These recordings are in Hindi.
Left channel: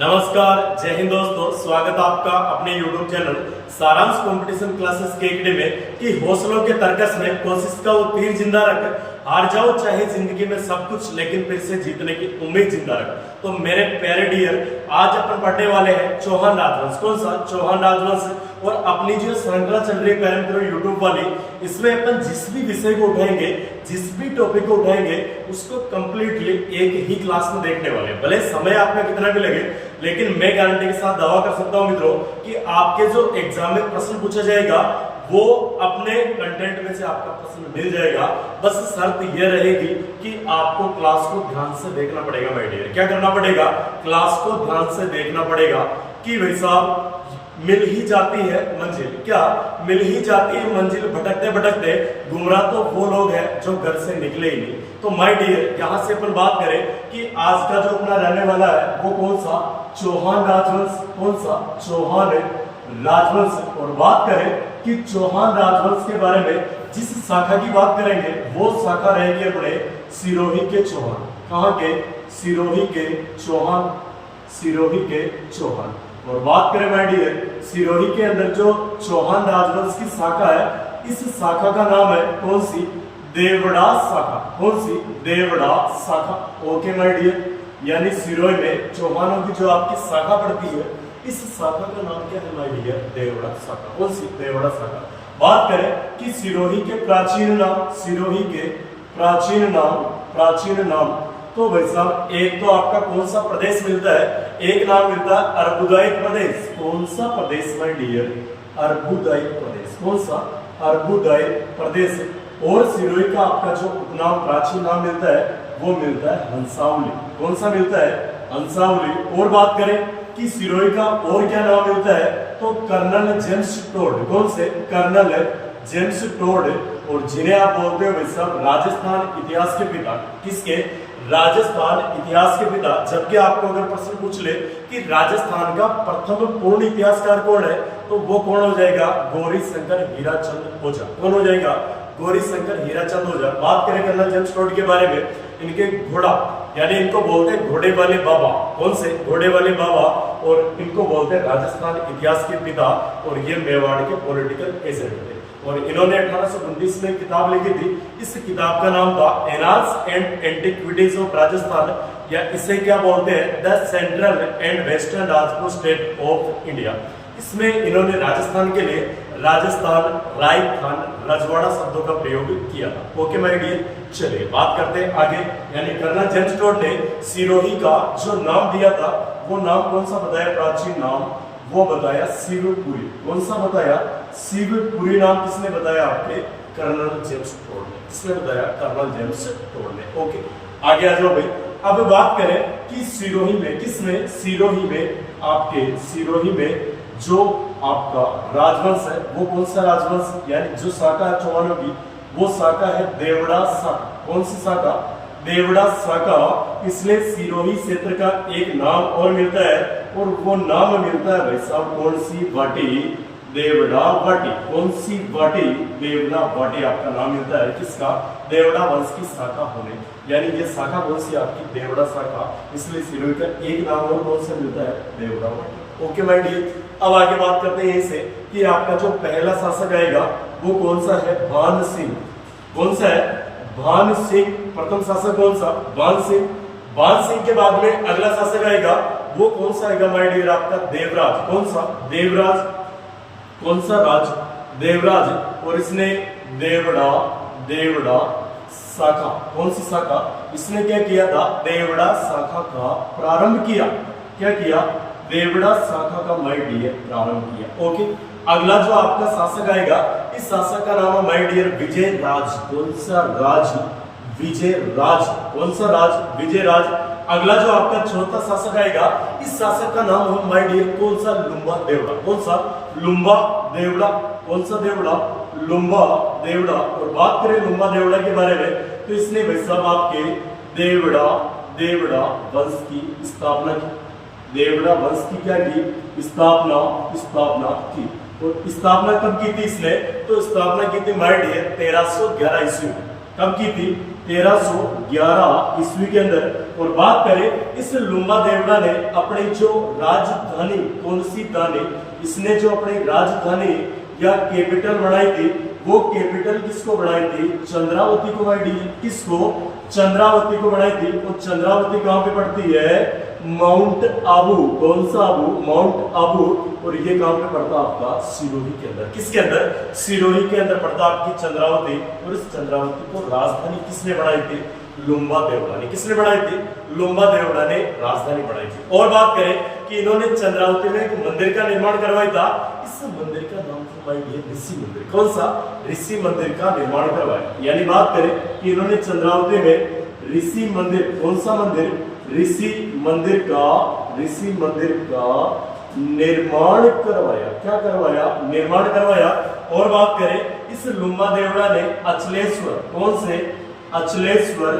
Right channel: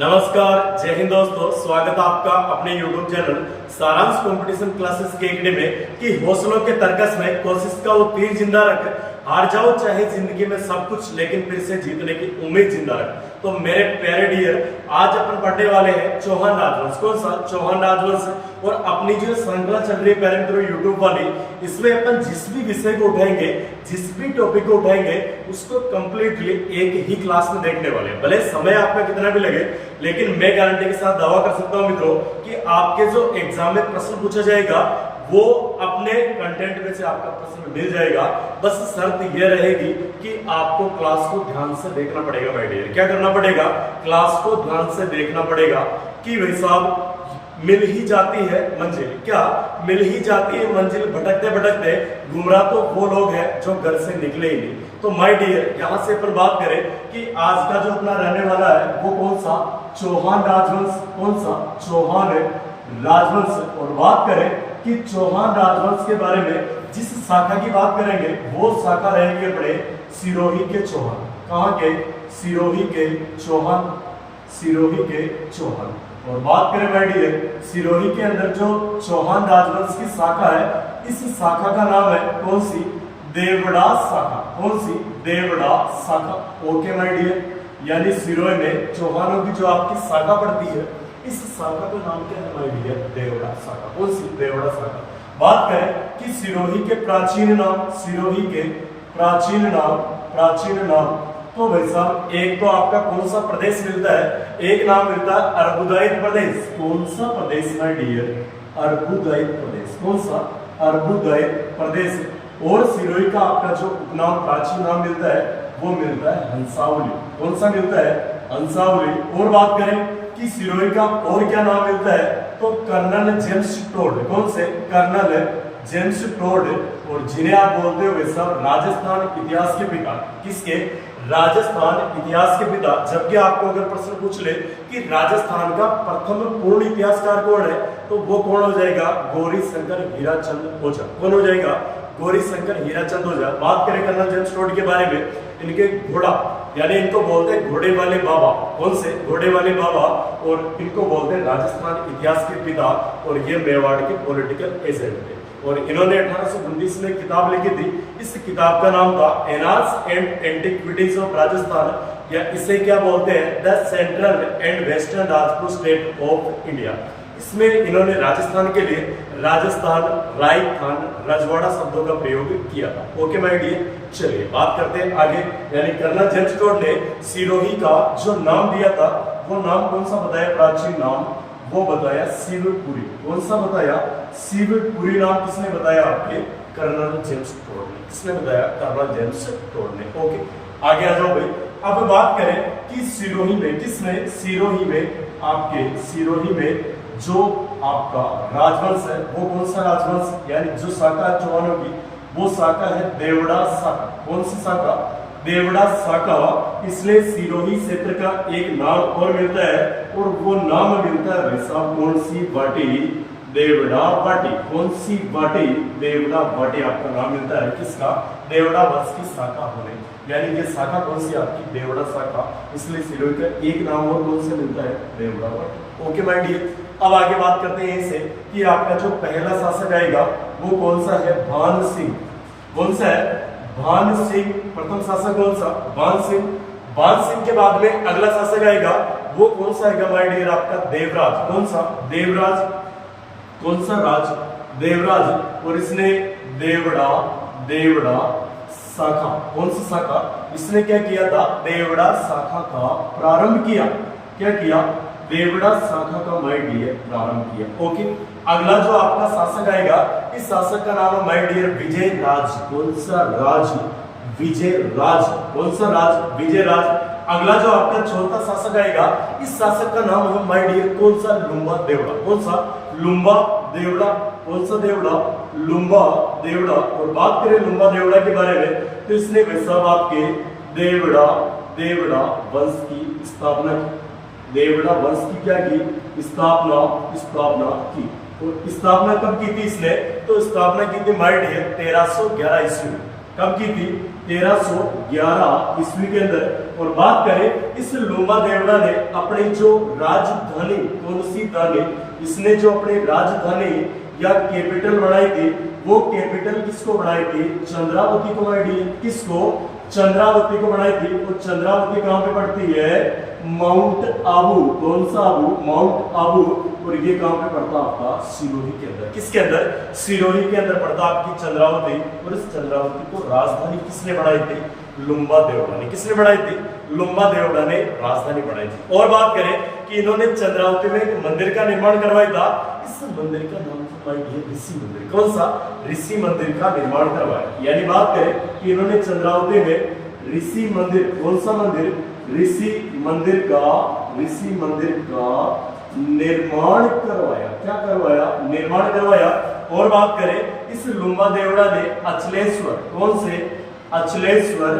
नमस्कार, जय हिंद दोस्तों। स्वागत है आपका अपने YouTube चैनल सारांश कंपटीशन क्लासेस के एकेडमी में कि हौसलों के तर्कस में कोशिश का वो तीर जिंदा रख, हार जाओ चाहे जिंदगी में सब कुछ लेकिन फिर से जीतने की उम्मीद जिंदा रख। तो मेरे प्यारे डियर, आज अपन पढ़ने वाले हैं चौहान राजवंश। कौन सा? चौहान राजवंश। और अपनी जो श्रृंखला चल रही है प्यारे मित्रों यूट्यूब वाली, इसमें अपन जिस भी विषय को उठाएंगे, जिस भी टॉपिक को उठाएंगे, उसको कंप्लीटली एक ही क्लास में देखने वाले हैं। भले समय आपका कितना भी लगे, लेकिन मैं गारंटी के साथ दावा कर सकता हूं मित्रों कि आपके जो एग्जाम में प्रश्न पूछा जाएगा वो अपने कंटेंट में से आपका प्रश्न मिल जाएगा। बस शर्त यह रहेगी कि आपको क्लास को ध्यान से देखना पड़ेगा माय डियर। क्या करना पड़ेगा? क्लास को ध्यान से देखना पड़ेगा कि भाई साहब मिल ही जाती है मंजिल। क्या मिल ही जाती है मंजिल? भटकते भटकते गुमराह तो वो लोग हैं जो घर से निकले ही नहीं। तो माय डियर, यहां से अपन बात करें कि आज का जो अपना रहने वाला है वो कौन सा? चौहान राजवंश। कौन सा? चौहान राजवंश। और बात करें कि चौहान राजवंश के बारे में जिस शाखा की बात करेंगे वो शाखा रहेगी अपने सिरोही के चौहान। कहां के? सिरोही के चौहान। सिरोही के चौहान। और बात करें माय डियर, सिरोही के अंदर जो चौहान राजवंश की शाखा है, इस शाखा का नाम है कौन सी? देवड़ा शाखा। कौन सी? देवड़ा शाखा। ओके माय डियर, यानी सिरोही में चौहानों की जो आपकी शाखा पड़ती है, इस शाखा का नाम क्या है माय डियर? देवड़ा शाखा। कौन सी? देवड़ा शाखा। बात करें कि सिरोही के प्राचीन नाम, सिरोही के प्राचीन नाम, प्राचीन नाम, तो भाई साहब एक तो आपका कौन सा प्रदेश मिलता है? एक नाम मिलता है अर्बुदायित प्रदेश। कौन सा प्रदेश माय डियर? अर्बुदायित प्रदेश। कौन सा? अर्बुदायित प्रदेश। और सिरोही का आपका जो उपनाम, प्राचीन नाम मिलता है वो मिलता है हंसावली। कौन सा मिलता है? हंसावली। और बात करें कि सिरोही का और क्या नाम मिलता है, तो कर्नल जेम्स टोड। कौन से? Colonel James Tod. और जिन्हें आप बोलते हो वैसा राजस्थान इतिहास के पिता। किसके? राजस्थान इतिहास के पिता। जबकि आपको अगर प्रश्न पूछ ले कि राजस्थान का प्रथम पूर्ण इतिहासकार कौन है, तो वो कौन हो जाएगा? गौरी शंकर हीराचंद ओझा। कौन हो जाएगा? गौरी शंकर हीराचंद ओझा। बात करें कर्नल जेम्स टोड के बारे में, इनके घोड़ा, यानी इनको बोलते हैं घोड़े वाले बाबा। कौन से? घोड़े वाले बाबा। और इनको बोलते हैं राजस्थान इतिहास के पिता। और ये मेवाड़ के पॉलिटिकल एजेंट थे। और इन्होंने 1829 में किताब लिखी थी। इस किताब का नाम था annals and antiquities of Rajasthan, या इसे क्या बोलते हैं? The central and western Rajput state of India. इसमें इन्होंने राजस्थान के लिए राजस्थान, राजस्थान, रजवाड़ा शब्दों का प्रयोग किया था। ओके माय डियर, चलिए बात करते हैं आगे। यानी कर्नल जेम्स टोड ने सिरोही का जो नाम दिया था वो नाम कौन सा बताया? प्राचीन नाम वो बताया शिवपुरी। कौन सा बताया? शिवपुरी नाम किसने बताया? आपके कर्नल जेम्स टोड ने। किसने बताया? कर्नल जेम्स टोड ने। ओके, आगे आ जाओ भाई। अब बात करें कि सिरोही में, किसमें? सिरोही में, आपके सिरोही में जो आपका राजवंश है वो कौन सा राजवंश, यानी जो शाखा है चौहानों की, वो शाखा है देवड़ा शाखा। कौन सी शाखा? देवड़ा शाखा। इसलिए सिरोही क्षेत्र का एक नाम और मिलता है, और वो नाम मिलता है भाई साहब कौन सी? वाटी, देवड़ा वाटी। कौन सी? वाटी, देवड़ा वाटी आपका नाम मिलता है। किसका? देवड़ा वंश की शाखा होने, यानी ये शाखा कौन सी? आपकी देवड़ा शाखा। इसलिए सिरोही का एक नाम और कौन से मिलता है? देवड़ा वाटी। ओके माय डियर, अब आगे बात करते हैं इससे कि आपका जो पहला शासक आएगा वो कौन सा है? भान सिंह। कौन सा है? भान सिंह। प्रथम शासक कौन सा? भान सिंह। भान सिंह के बाद में अगला शासक आएगा वो कौन सा आएगा माय डियर? आपका देवराज। कौन सा? देवराज। कौन सा राज? देवराज। और इसने देवड़ा, देवड़ा शाखा। कौन सी शाखा? इसने क्या किया था? देवड़ा शाखा का प्रारंभ किया। क्या किया? देवड़ा शाखा का माय डियर प्रारंभ किया। ओके, अगला जो आपका शासक आएगा, इस शासक का नाम है माय डियर विजय राज। कौन सा राज? विजय राज। कौन सा राज? विजय राज। अगला जो आपका चौथा शासक आएगा, इस शासक का नाम है माय डियर कौन सा? लुम्बा देवड़ा। कौन सा? लुम्बा देवड़ा। कौन सा देवड़ा? लुम्बा देवड़ा। और बात करें लुम्बा देवड़ा के बारे में, तो इसने भाई साहब आपके देवड़ा, देवड़ा वंश की स्थापना की। देवड़ा वंश की क्या की? स्थापना, स्थापना की। और स्थापना कब की थी इसने? तो स्थापना की थी माय डियर 1311 ईस्वी। कब की थी? 1311 ईस्वी के अंदर। और बात करें इस लुम्बा देवड़ा ने अपनी जो राजधानी कौन सी दानी, इसने जो अपनी राजधानी या कैपिटल बनाई थी, वो कैपिटल किसको बनाई थी? चंद्रावती को बनाई थी। किसको? चंद्रावती को बनाई थी। और चंद्रावती कहां पे पड़ती है? माउंट आबू। कौन सा आबू? माउंट आबू। और ये कहां पे पड़ता आपका? सिरोही के अंदर। किसके अंदर? सिरोही के अंदर पड़ता आपकी चंद्रावती। और इस चंद्रावती को राजधानी किसने बनाई थी? लुम्बा देवड़ा ने। किसने बनाई थी? लुम्बा देवड़ा ने राजधानी बनाई थी। और बात करें कि इन्होंने चंद्रावती में एक मंदिर का निर्माण करवाया था। इस मंदिर का नाम था ऋषि मंदिर। कौन सा? ऋषि मंदिर का निर्माण करवाया। यानी बात करें कि इन्होंने चंद्रावती में ऋषि मंदिर, कौन सा मंदिर? ऋषि मंदिर का निर्माण करवाया। क्या करवाया? निर्माण करवाया। और बात करें इस लुम्बा देवड़ा ने अचलेश्वर, कौन से? अचलेश्वर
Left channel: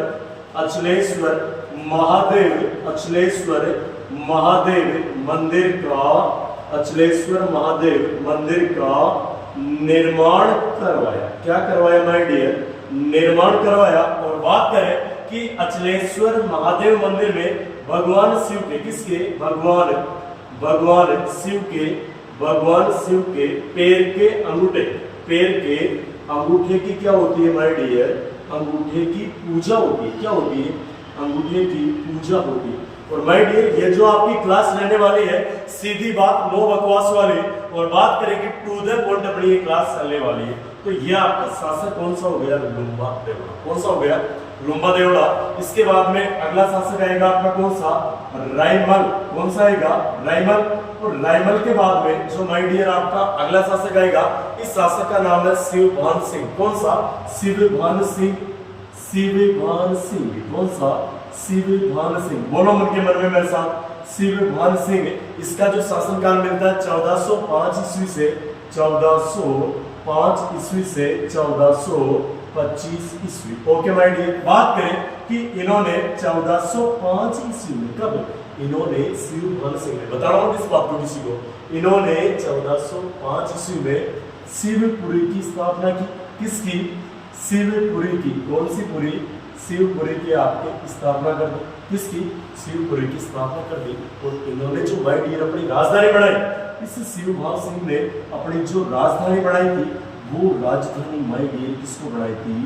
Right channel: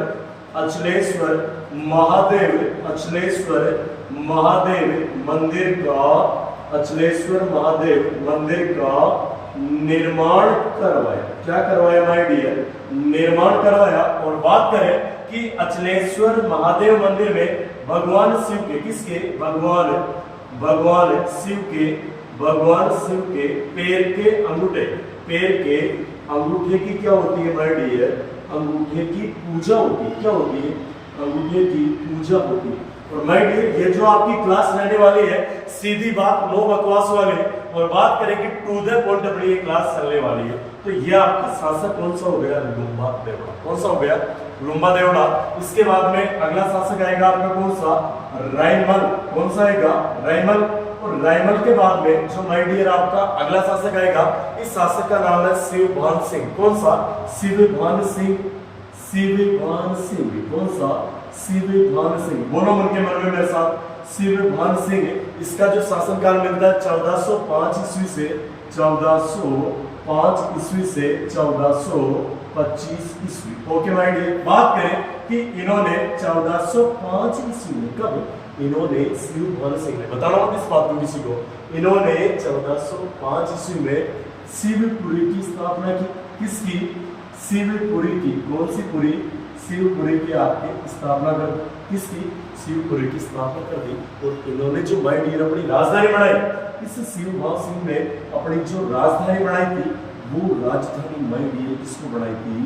महादेव मंदिर का निर्माण करवाया। क्या करवाया माय डियर? निर्माण करवाया। और बात करें कि अचलेश्वर महादेव मंदिर में भगवान शिव के, किसके? भगवान शिव के पैर के अंगूठे की क्या होती है माय डियर? अंगूठे की पूजा होती है। क्या होती है? अंगूठे की पूजा होती है। और माय डियर ये जो आपकी क्लास रहने वाली है, सीधी बात, नो बकवास वाली। और बात करें कि टू द पॉइंट अपनी ये क्लास चलने वाली है। तो ये आपका शासक कौन सा हो गया? लुम्बा देवड़ा। कौन सा हो गया? लुम्बा देवड़ा। इसके बाद में अगला शासक आएगा आपका कौन सा? रायमल। कौन सा आएगा? रायमल। और रायमल के बाद में जो माय डियर आपका अगला शासक आएगा, इस शासक का नाम है शिवभान सिंह। कौन सा? शिवभान सिंह। कौन सा? शिवभान सिंह। बोलो मन के मन में मेरे साथ, शिवभान सिंह। इसका जो शासनकाल मिलता है 1405 ईस्वी से 1425 ईस्वी। Okay my dear. बात करें कि इन्होंने 1405 ईस्वी में, कब? इन्होंने शिवभान सिंह ने, बता रहा हूं इस बात को किसी को, इन्होंने 1405 ईस्वी में शिवपुरी की स्थापना की। किसकी? शिवपुरी की। कौन सी पुरी? शिवपुरी की आपकी स्थापना कर दी। किसकी? शिवपुरी की स्थापना कर दी। और इन्होंने जो माय डियर अपनी राजधानी बनाई, इस शिवभान सिंह ने अपनी जो राजधानी बनाई थी, वो राजधानी माय डियर किसको बनाई थी?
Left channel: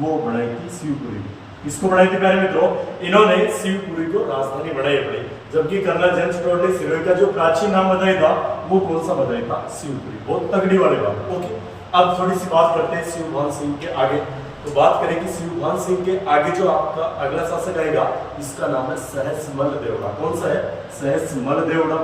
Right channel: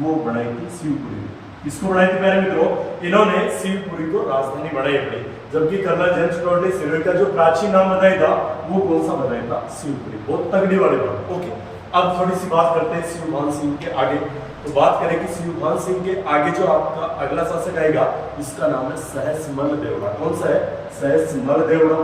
वो बनाई थी शिवपुरी। किसको बनाई थी प्यारे मित्रों? इन्होंने शिवपुरी को राजधानी बनाई अपनी। जबकि कर्नल जेम्स टोड ने सिरोही का जो प्राचीन नाम बताया था, वो कौन सा बताया था? शिवपुरी। बहुत तगड़ी वाली बात। ओके, अब थोड़ी सी बात करते हैं शिवभान सिंह के आगे। तो बात करें कि शिवभान सिंह के आगे जो आपका अगला शासक आएगा, इसका नाम है सहसमल देवड़ा। कौन सा है? सहसमल देवड़ा।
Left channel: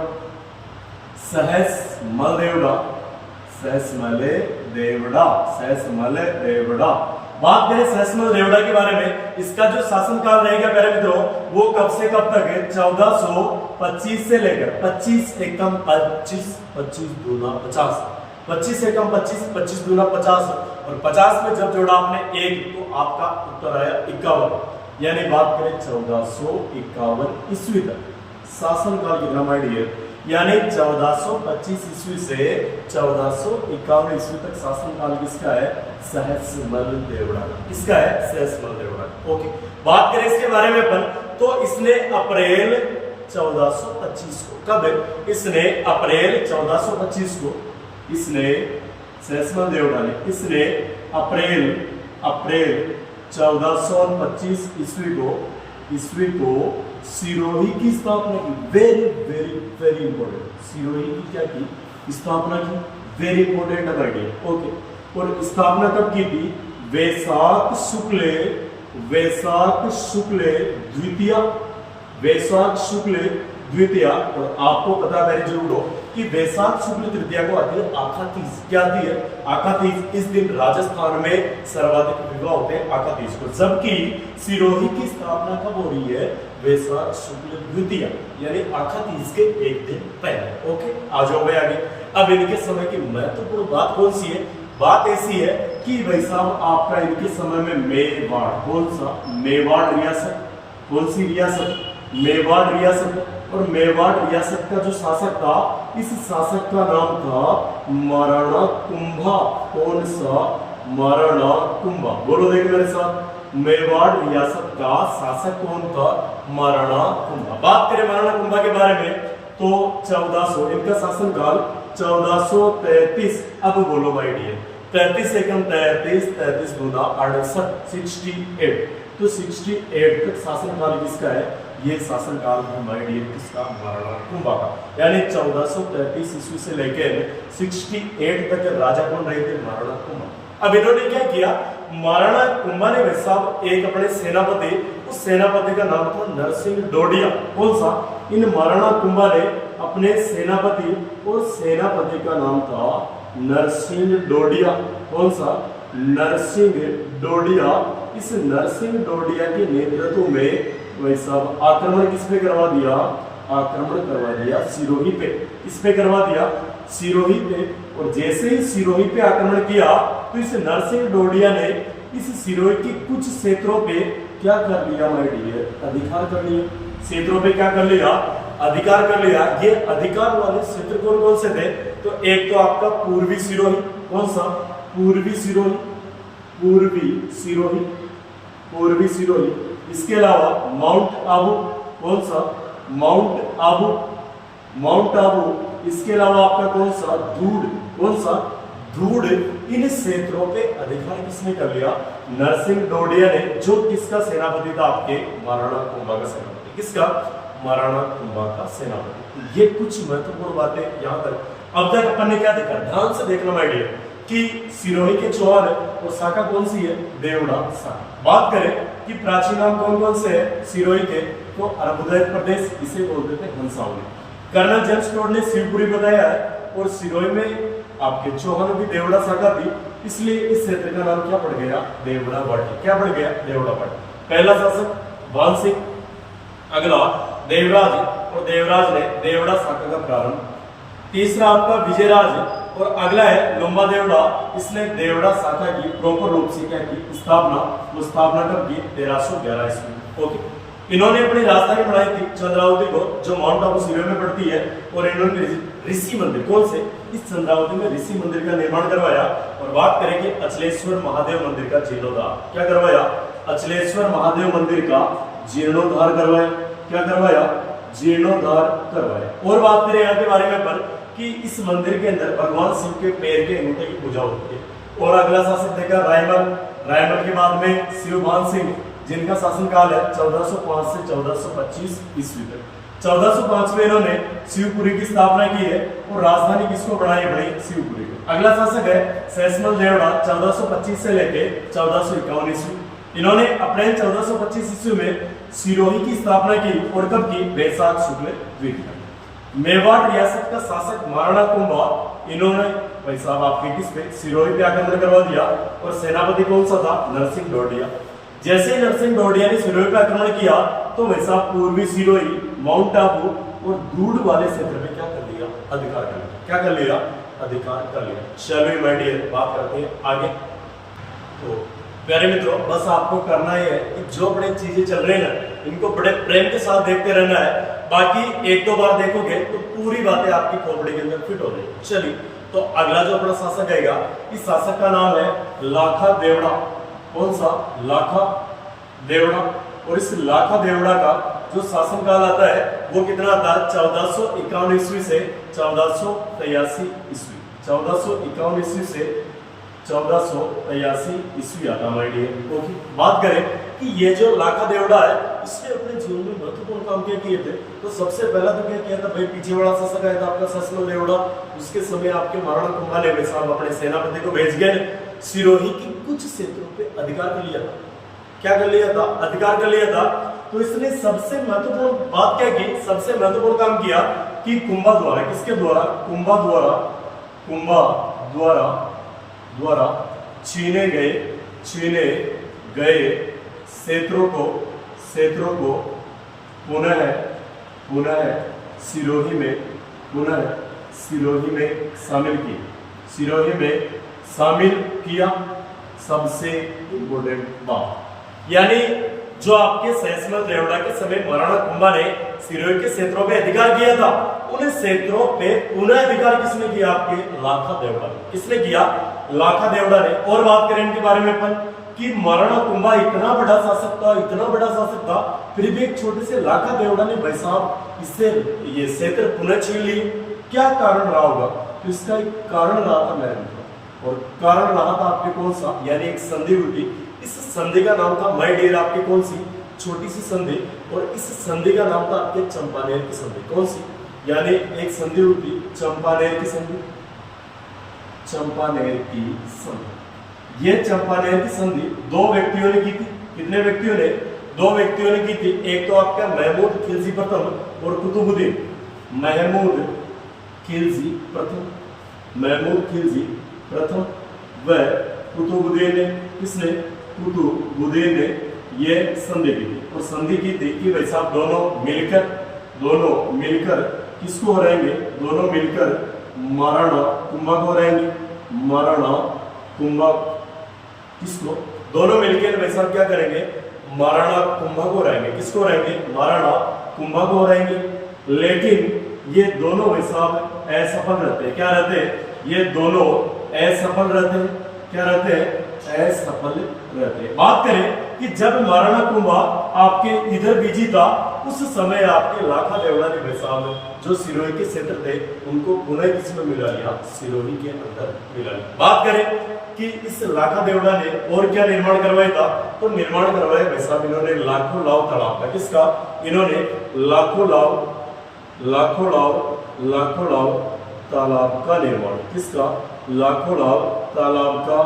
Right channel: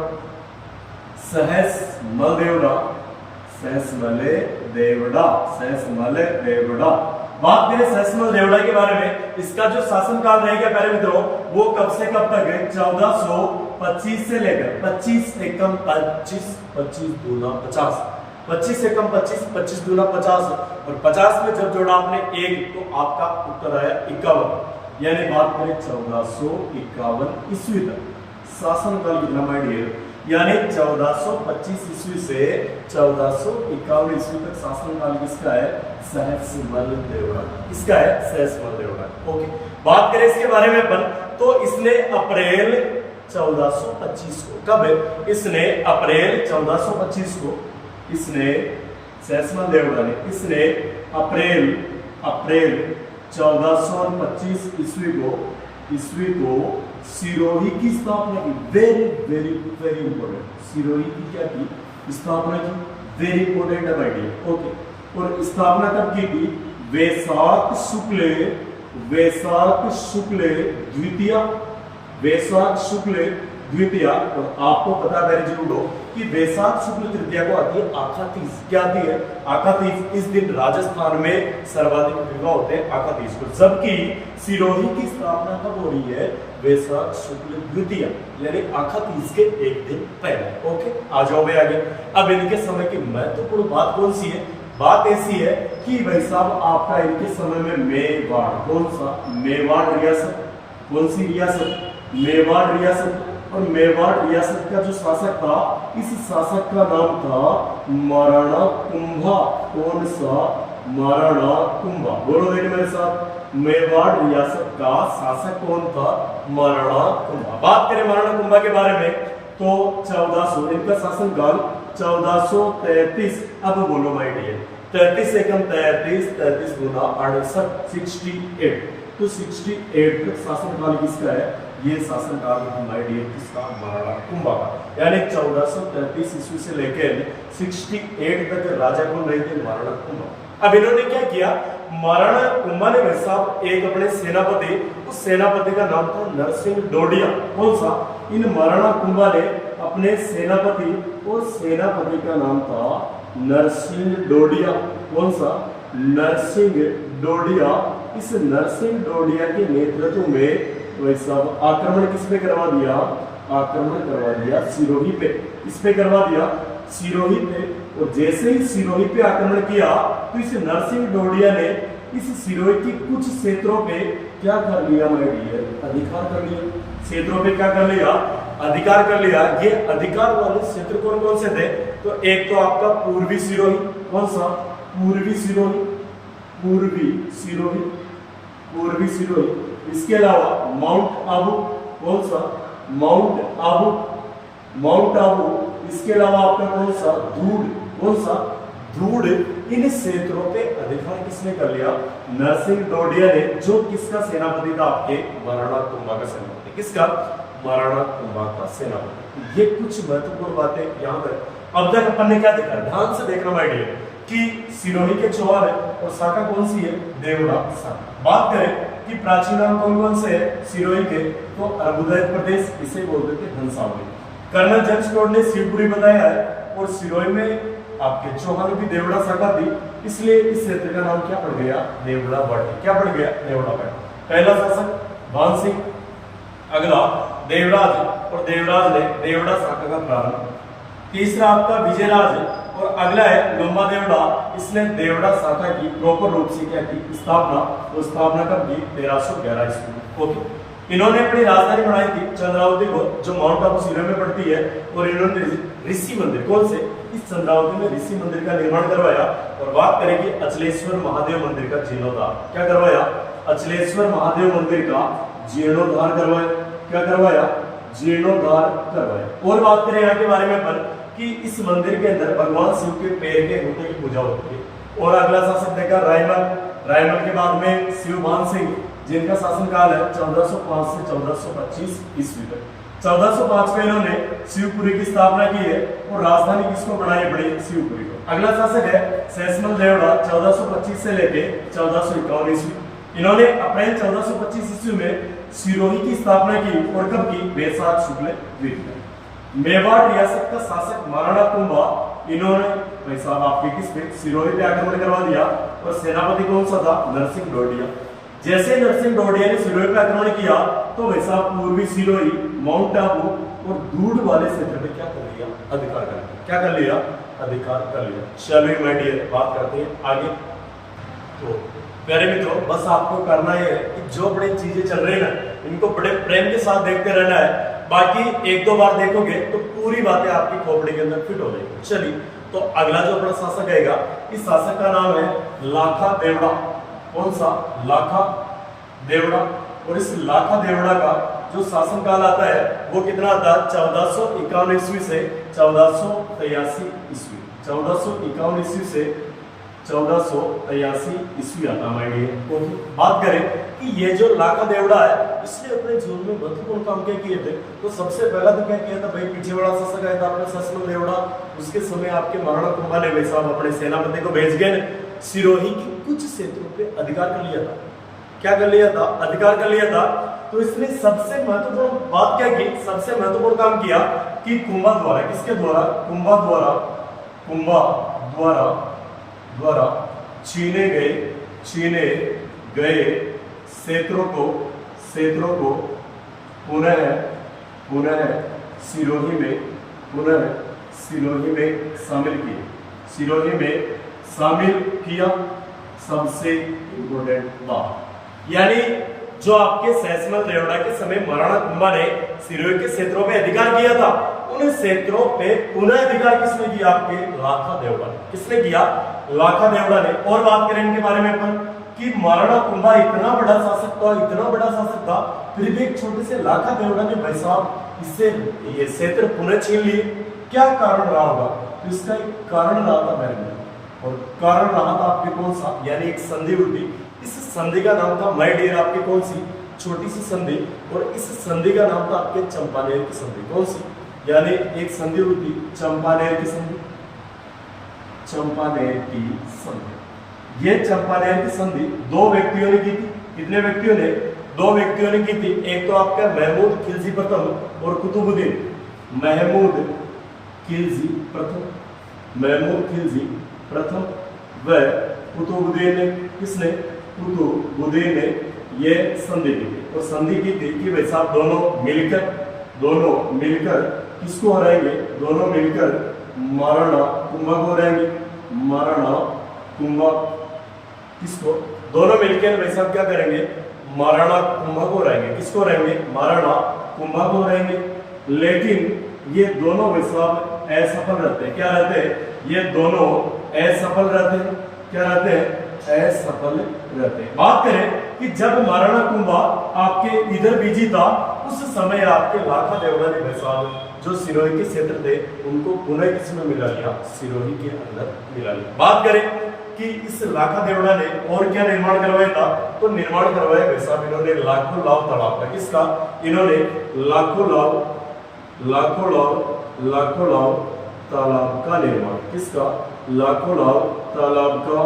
बात करें सहसमल देवड़ा के बारे में, इसका जो शासनकाल रहेगा प्यारे मित्रों, वो कब से कब तक है? 1425 से लेकर 25 एकम 25 25 दूना 50, 25 एकम 25 25 दूना 50। और 50 में जब जोड़ा आपने एक, तो आपका उत्तर आया 51। यानी बात करें 1451 ईस्वी तक शासनकाल कितना माय डियर? यानी 1425 ईस्वी से 1451 ईस्वी तक शासनकाल किसका है? सहसमल देवड़ा। किसका है? सहसमल देवड़ा। ओके, बात करें इसके बारे में अपन, तो इसने अप्रैल 1425 को, कब? इसने अप्रैल 1425 को, इसने सहसमल देवड़ा ने, इसने अप्रैल 1425 ईस्वी को सिरोही की स्थापना की। Very very very important. Sirohi की क्या की? स्थापना की। वेरी इंपॉर्टेंट है भाई। ओके, और स्थापना कब की थी? वैशाख शुक्ल द्वितीया। और आपको पता करें जरूर हो कि वैशाख शुक्ल तृतीया को आती है आखा तीज। क्या आती है? आखा तीज। इस दिन राजस्थान में सर्वाधिक विवाह होते हैं आखा तीज को। जबकि सिरोही की स्थापना कब हो रही है? वैशाख शुक्ल द्वितीया, यानी आखा तीज के एक दिन पहले। ओके, आ जाओ भाई आगे। अब इनके समय की महत्वपूर्ण बात कौन सी है? बात ऐसी है कि भाई साहब आपका इनके समय में मेवाड़, कौन सा? मेवाड़ रियासत। कौन सी रियासत? मेवाड़ रियासत। और मेवाड़ रियासत का जो शासक था, इस शासक का नाम था महाराणा कुंभा। कौन सा? महाराणा कुंभा। बोलो देखिए मेरे साथ, मेवाड़ रियासत का शासक कौन था? महाराणा कुंभा। बात करें महाराणा कुंभा के बारे में तो 1400 इनका शासनकाल 1433। अब बोलो माय डियर, 33 से कम 33 दूना 68 68, तो 68 तक शासनकाल किसका है? ये शासनकाल हमारे डियर किसका? महाराणा कुंभा का। यानी 1433 ईस्वी से लेकर 68 तक राजा कौन रहे थे? महाराणा कुंभा। अब इन्होंने क्या किया? महाराणा कुंभा ने भाई साहब एक अपने सेनापति, उस सेनापति का नाम था नरसिंह डोडिया। कौन सा? इन महाराणा कुंभा ने अपने सेनापति, और सेनापति का नाम था नरसिंह डोडिया। कौन सा? नरसिंह डोडिया। इस नरसिंह डोडिया के नेतृत्व में भाई साहब आक्रमण किस पे करवा दिया? आक्रमण करवा दिया सिरोही पे। इस पे करवा दिया सिरोही पे, और जैसे ही सिरोही पे आक्रमण किया तो इस नरसिंह डोडिया ने इस सिरोही की कुछ क्षेत्रों पे क्या कर लिया माय डियर? अधिकार कर लिया। क्षेत्रों पे क्या कर लिया? अधिकार कर लिया। ये अधिकार वाले क्षेत्र कौन कौन से थे? तो एक तो आपका पूर्वी सिरोही। कौन सा? पूर्वी सिरोही, पूर्वी सिरोही, पूर्वी सिरोही। इसके अलावा माउंट आबू। कौन सा? Mount Abu, mount Abu. इसके अलावा आपका कौन सा? धूड़। कौन सा? धूड़। इन क्षेत्रों पे अधिकार किसने कर लिया? नरसिंह डोडिया ने, जो किसका सेनापति था? आपके महाराणा कुंभा का सेनापति। किसका? महाराणा कुंभा का सेनापति। ये कुछ महत्वपूर्ण बातें यहाँ तक अब तक अपन ने क्या देखा? ध्यान से देखना माय डियर कि सिरोही के चौहान और शाखा कौन सी है? देवड़ा शाखा। बात करें कि प्राचीन नाम कौन कौन से है सिरोही के, तो अर्बुदय प्रदेश, इसे बोलते थे हंसावली। कर्नल जेम्स टोड ने शिवपुरी बताया है, और सिरोही में आपके चौहानों की देवड़ा शाखा थी, इसलिए इस क्षेत्र का नाम क्या पड़ गया? देवड़ा बट। क्या पड़ गया? देवड़ा बट। पहला शासक भान सिंह, अगला देवराज, और देवराज ने देवड़ा शाखा का प्रारंभ। तीसरा आपका विजयराज, और अगला है लोम्बा देवड़ा। इसने देवड़ा शाखा की प्रॉपर रूप से क्या की? स्थापना। वो स्थापना कब की? 1311 ईस्वी को की। इन्होंने अपनी राजधानी बनाई थी चंद्रावती को, जो माउंट आबू सिरोही में पड़ती है, और इन्होंने ऋषि मंदिर, कौन से? इस चंद्रावती में ऋषि मंदिर का निर्माण करवाया। और बात करेंगे अचलेश्वर महादेव मंदिर का जीर्णोद्धार। क्या करवाया? अचलेश्वर महादेव मंदिर का जीर्णोद्धार करवाया। क्या करवाया? जीर्णोद्धार करवाया। और बात करें यहाँ के बारे में अपन कि इस मंदिर के अंदर भगवान शिव के पैर के अंगूठे की पूजा होती है। और अगला शासक देखा रायमल। रायमल के बाद में शिवभान सिंह, जिनका शासनकाल है 1405 से 1425 ईस्वी तक। 1405 में इन्होंने शिवपुरी की स्थापना की है, और राजधानी किसको बनाई? बड़ी शिवपुरी को। अगला शासक है सैसमल देवड़ा, 1425 से लेके 1451 ईस्वी। इन्होंने अप्रैल 1425 ईस्वी में सिरोही की स्थापना की, और कब की? वैशाख शुक्ल द्वितीया। मेवाड़ रियासत का शासक महाराणा कुंभा, इन्होंने भाई साहब आपके किस पे? सिरोही पे आक्रमण करवा दिया, और सेनापति कौन सा था? नरसिंह डोडिया। जैसे नरसिंह डोडिया ने सिरोही पे आक्रमण किया तो भाई साहब पूर्वी सिरोही, माउंट आबू और धूड़ वाले क्षेत्र में क्या कर लिया? अधिकार कर लिया। क्या कर लिया? अधिकार कर लिया। चलो माय डियर, बात करते हैं आगे। तो प्यारे मित्रों, बस आपको करना है कि जो बड़ी चीजें चल रही है ना, इनको बड़े प्रेम के साथ देखते रहना है। बाकी एक दो बार देखोगे तो पूरी बातें आपकी खोपड़ी के अंदर फिट हो जाएगी। चलिए, तो अगला जो अपना शासक आएगा, इस शासक का नाम है लाखा देवड़ा। कौन सा? लाखा देवड़ा। और इस लाखा देवड़ा का जो शासनकाल आता है वो कितना आता है? 1451 ईस्वी से 1483 ईस्वी। 1451 ईस्वी से 1483 ईस्वी आता माय डियर। तो बात करें कि ये जो लाखा देवड़ा है, इसने अपने जीवन में महत्वपूर्ण काम क्या किए थे? तो सबसे पहला तो क्या किया था भाई? पीछे बड़ा शासक आया था आपका सैसमल देवड़ा। उसके समय आपके महाराणा कुंभा ने भाई साहब अपने सेनापति को भेज गए, सिरोही की कुछ क्षेत्रों पे अधिकार कर लिया था। क्या कर लिया था? अधिकार कर लिया था। तो इसने सबसे महत्वपूर्ण बात क्या की? सबसे महत्वपूर्ण काम किया कि कुंभा द्वारा, किसके द्वारा? कुंभा द्वारा छीने गए क्षेत्रों को पुनः सिरोही में शामिल किया। सबसे इंपोर्टेंट बात, यानी जो आपके सैसमल देवड़ा के समय महाराणा कुंभा ने सिरोही के क्षेत्रों पे अधिकार किया था, उन क्षेत्रों पे पुनः अधिकार किसने किया? आपके लाखा देवड़ा। किसने किया? लाखा देवड़ा ने। और बात करें इनके बारे में अपन कि महाराणा कुंभा इतना बड़ा शासक था, इतना बड़ा शासक था, फिर भी एक छोटे से लाखा देवड़ा ने भाई साहब इससे ये क्षेत्र पुनः छीन लिए। क्या कारण रहा होगा? तो इसका एक कारण रहा था मेरे मित्रों, और कारण रहा था आपके कौन सा, यानी एक संधि हुई थी। इस संधि का नाम था माय डियर, आपके कौन सी छोटी सी संधि, और इस संधि का नाम था आपके चंपानेर की संधि। कौन सी? यानी एक संधि हुई थी चंपानेर की संधि, चंपानेर की संधि। ये चंपानेर की संधि दो व्यक्तियों ने की थी। कितने व्यक्तियों ने? दो व्यक्तियों ने की थी। एक तो आपका महमूद खिलजी प्रथम और कुतुबुद्दीन। महमूद खिलजी प्रथम, महमूद खिलजी प्रथम व कुतुबुद्दीन ने, किसने? कुतुबुद्दीन ने ये संधि की थी। तो संधि की थी कि भाई साहब दोनों मिलकर किसको हराएंगे? दोनों मिलकर महाराणा कुंभा को हराएंगे। महाराणा कुंभा किसको? दोनों मिलकर भाई साहब क्या करेंगे? महाराणा कुंभा को हराएंगे। किसको हराएंगे? महाराणा कुंभा को हराएंगे। लेकिन ये दोनों भाई साहब असफल रहते हैं। क्या रहते हैं? ये दोनों असफल रहते हैं। क्या रहते हैं? असफल रहते हैं। बात करें कि जब महाराणा कुंभा आपके इधर बिजी था, उस समय आपके लाखा देवड़ा ने भाई साहब जो सिरोही के क्षेत्र थे उनको पुनः किसमें मिला लिया? सिरोही के अंदर मिला लिया। बात करें कि इस लाखा देवड़ा ने और क्या निर्माण करवाया था? तो निर्माण करवाया भाई साहब इन्होंने लाखों लाव तालाब का। किसका? इन्होंने लाखों लाव तालाब का निर्माण। किसका? लाखों लाव तालाब का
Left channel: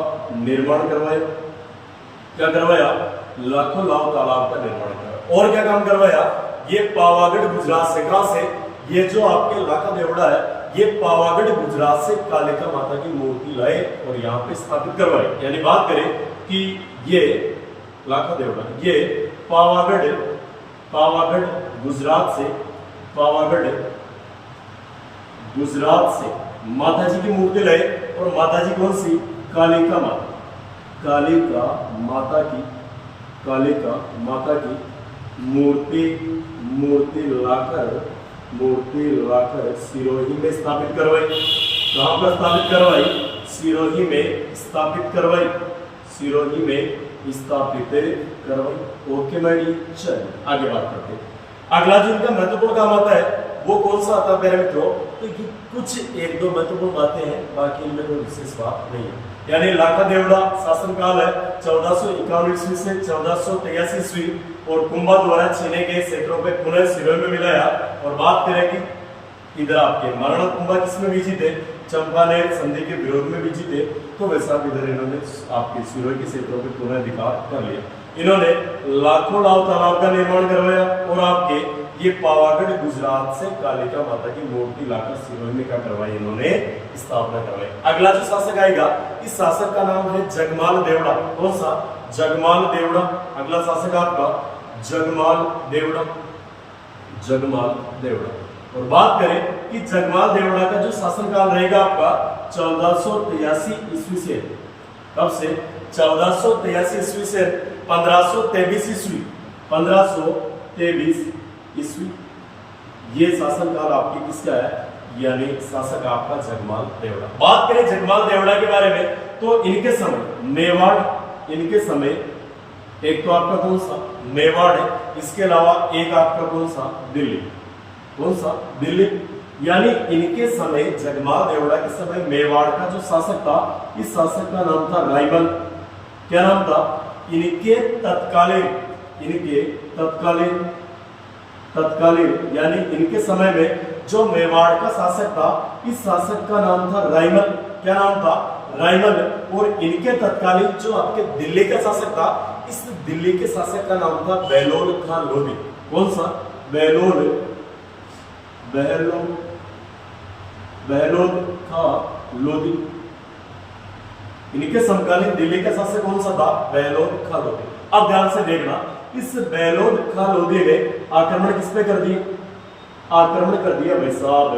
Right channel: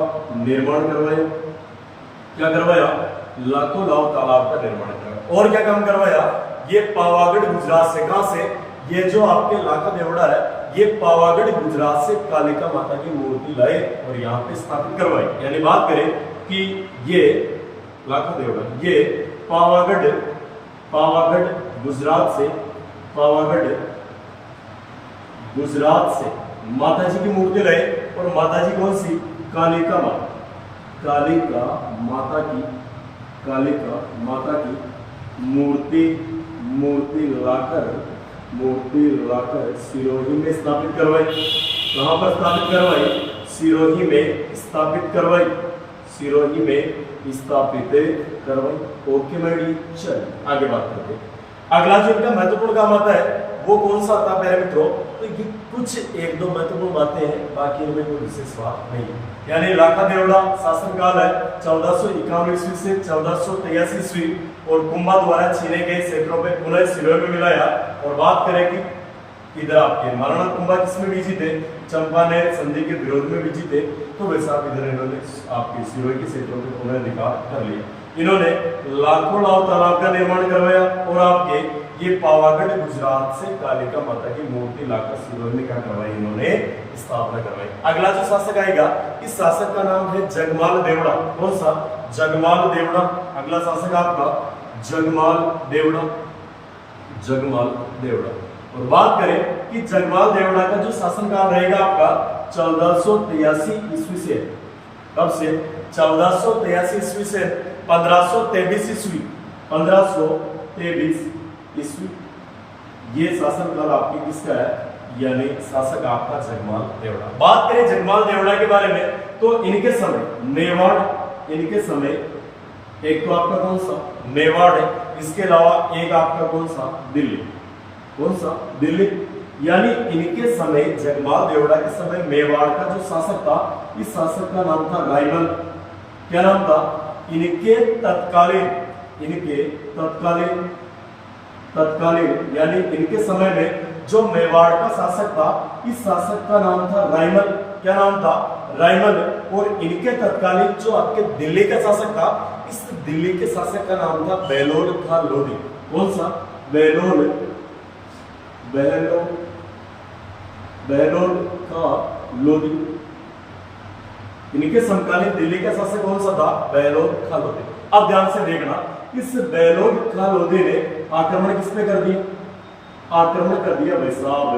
निर्माण करवाया। क्या करवाया? लाखों लाव तालाब का निर्माण करवाया। और क्या काम करवाया? ये पावागढ़ गुजरात से, कहां से? ये जो आपके लाखा देवड़ा है, ये पावागढ़ गुजरात से कालिका माता की मूर्ति लाए और यहाँ पे स्थापित करवाई। यानी बात करें कि ये लाखा देवड़ा, ये पावागढ़ गुजरात से माता जी की मूर्ति लाए। और माता जी कौन सी? कालिका माता। कालिका माता की मूर्ति लाकर सिरोही में स्थापित करवाई। कहां पर स्थापित करवाई? सिरोही में स्थापित करवाई। ओके मैडी, चल आगे बात करते हैं। अगला जो इनका महत्वपूर्ण काम आता है वो कौन सा आता है मेरे मित्रों? तो ये कुछ एक दो महत्वपूर्ण बातें हैं, बाकी इनमें कोई विशेष बात नहीं है। यानी लाखा देवड़ा शासनकाल है 1451 ईस्वी से 1483 ईस्वी, और कुंभा द्वारा छीने गए क्षेत्रों पे पुनः सिरोही में मिलाया। और बात करें कि इधर आपके महाराणा कुंभा किसमें बिजी थे? चंपानेर संधि के विरोध में बिजी थे। तो वैसा इधर इन्होंने आपके सिरोही के क्षेत्रों पे पुनः अधिकार कर लिया। इन्होंने लाखों लाव तालाब का निर्माण करवाया और आपके ये पावागढ़ गुजरात से कालिका माता की मूर्ति लाकर सिरोही में क्या करवाई? इन्होंने स्थापना करवाई। अगला जो शासक आएगा, इस शासक का नाम है जगमाल देवड़ा। कौन सा? जगमाल देवड़ा। अगला शासक आपका जगमाल देवड़ा। और बात करें कि जगमाल देवड़ा का जो शासनकाल रहेगा आपका 1483 ईस्वी से, कब से? 1483 ईस्वी से 1523 ईस्वी। ये शासनकाल आपकी किसका है? यानी शासक आपका जगमाल देवड़ा। बात करें जगमाल देवड़ा के बारे में, तो इनके समय मेवाड़, एक तो आपका कौन सा? मेवाड़ है। इसके अलावा एक आपका कौन सा? दिल्ली। कौन सा? दिल्ली। यानी इनके समय जगमाल देवड़ा के समय मेवाड़ का जो शासक था, इस शासक का नाम था रायमल। क्या नाम था? इनके तत्कालीन यानी इनके समय में जो मेवाड़ का शासक था, इस शासक का नाम था रायमल। क्या नाम था? रायमल। और इनके तत्कालीन जो आपके दिल्ली का शासक था, इस दिल्ली के शासक का नाम था बेलोड खां लोधी। कौन सा? बेलोड खां लोधी। इनके समकालीन दिल्ली का शासक कौन सा था? बेलोड खां लोधी। अब ध्यान से देखना, इस बेलोड खां लोधी ने आक्रमण किस पे कर दिया? आक्रमण कर दिया भाई साहब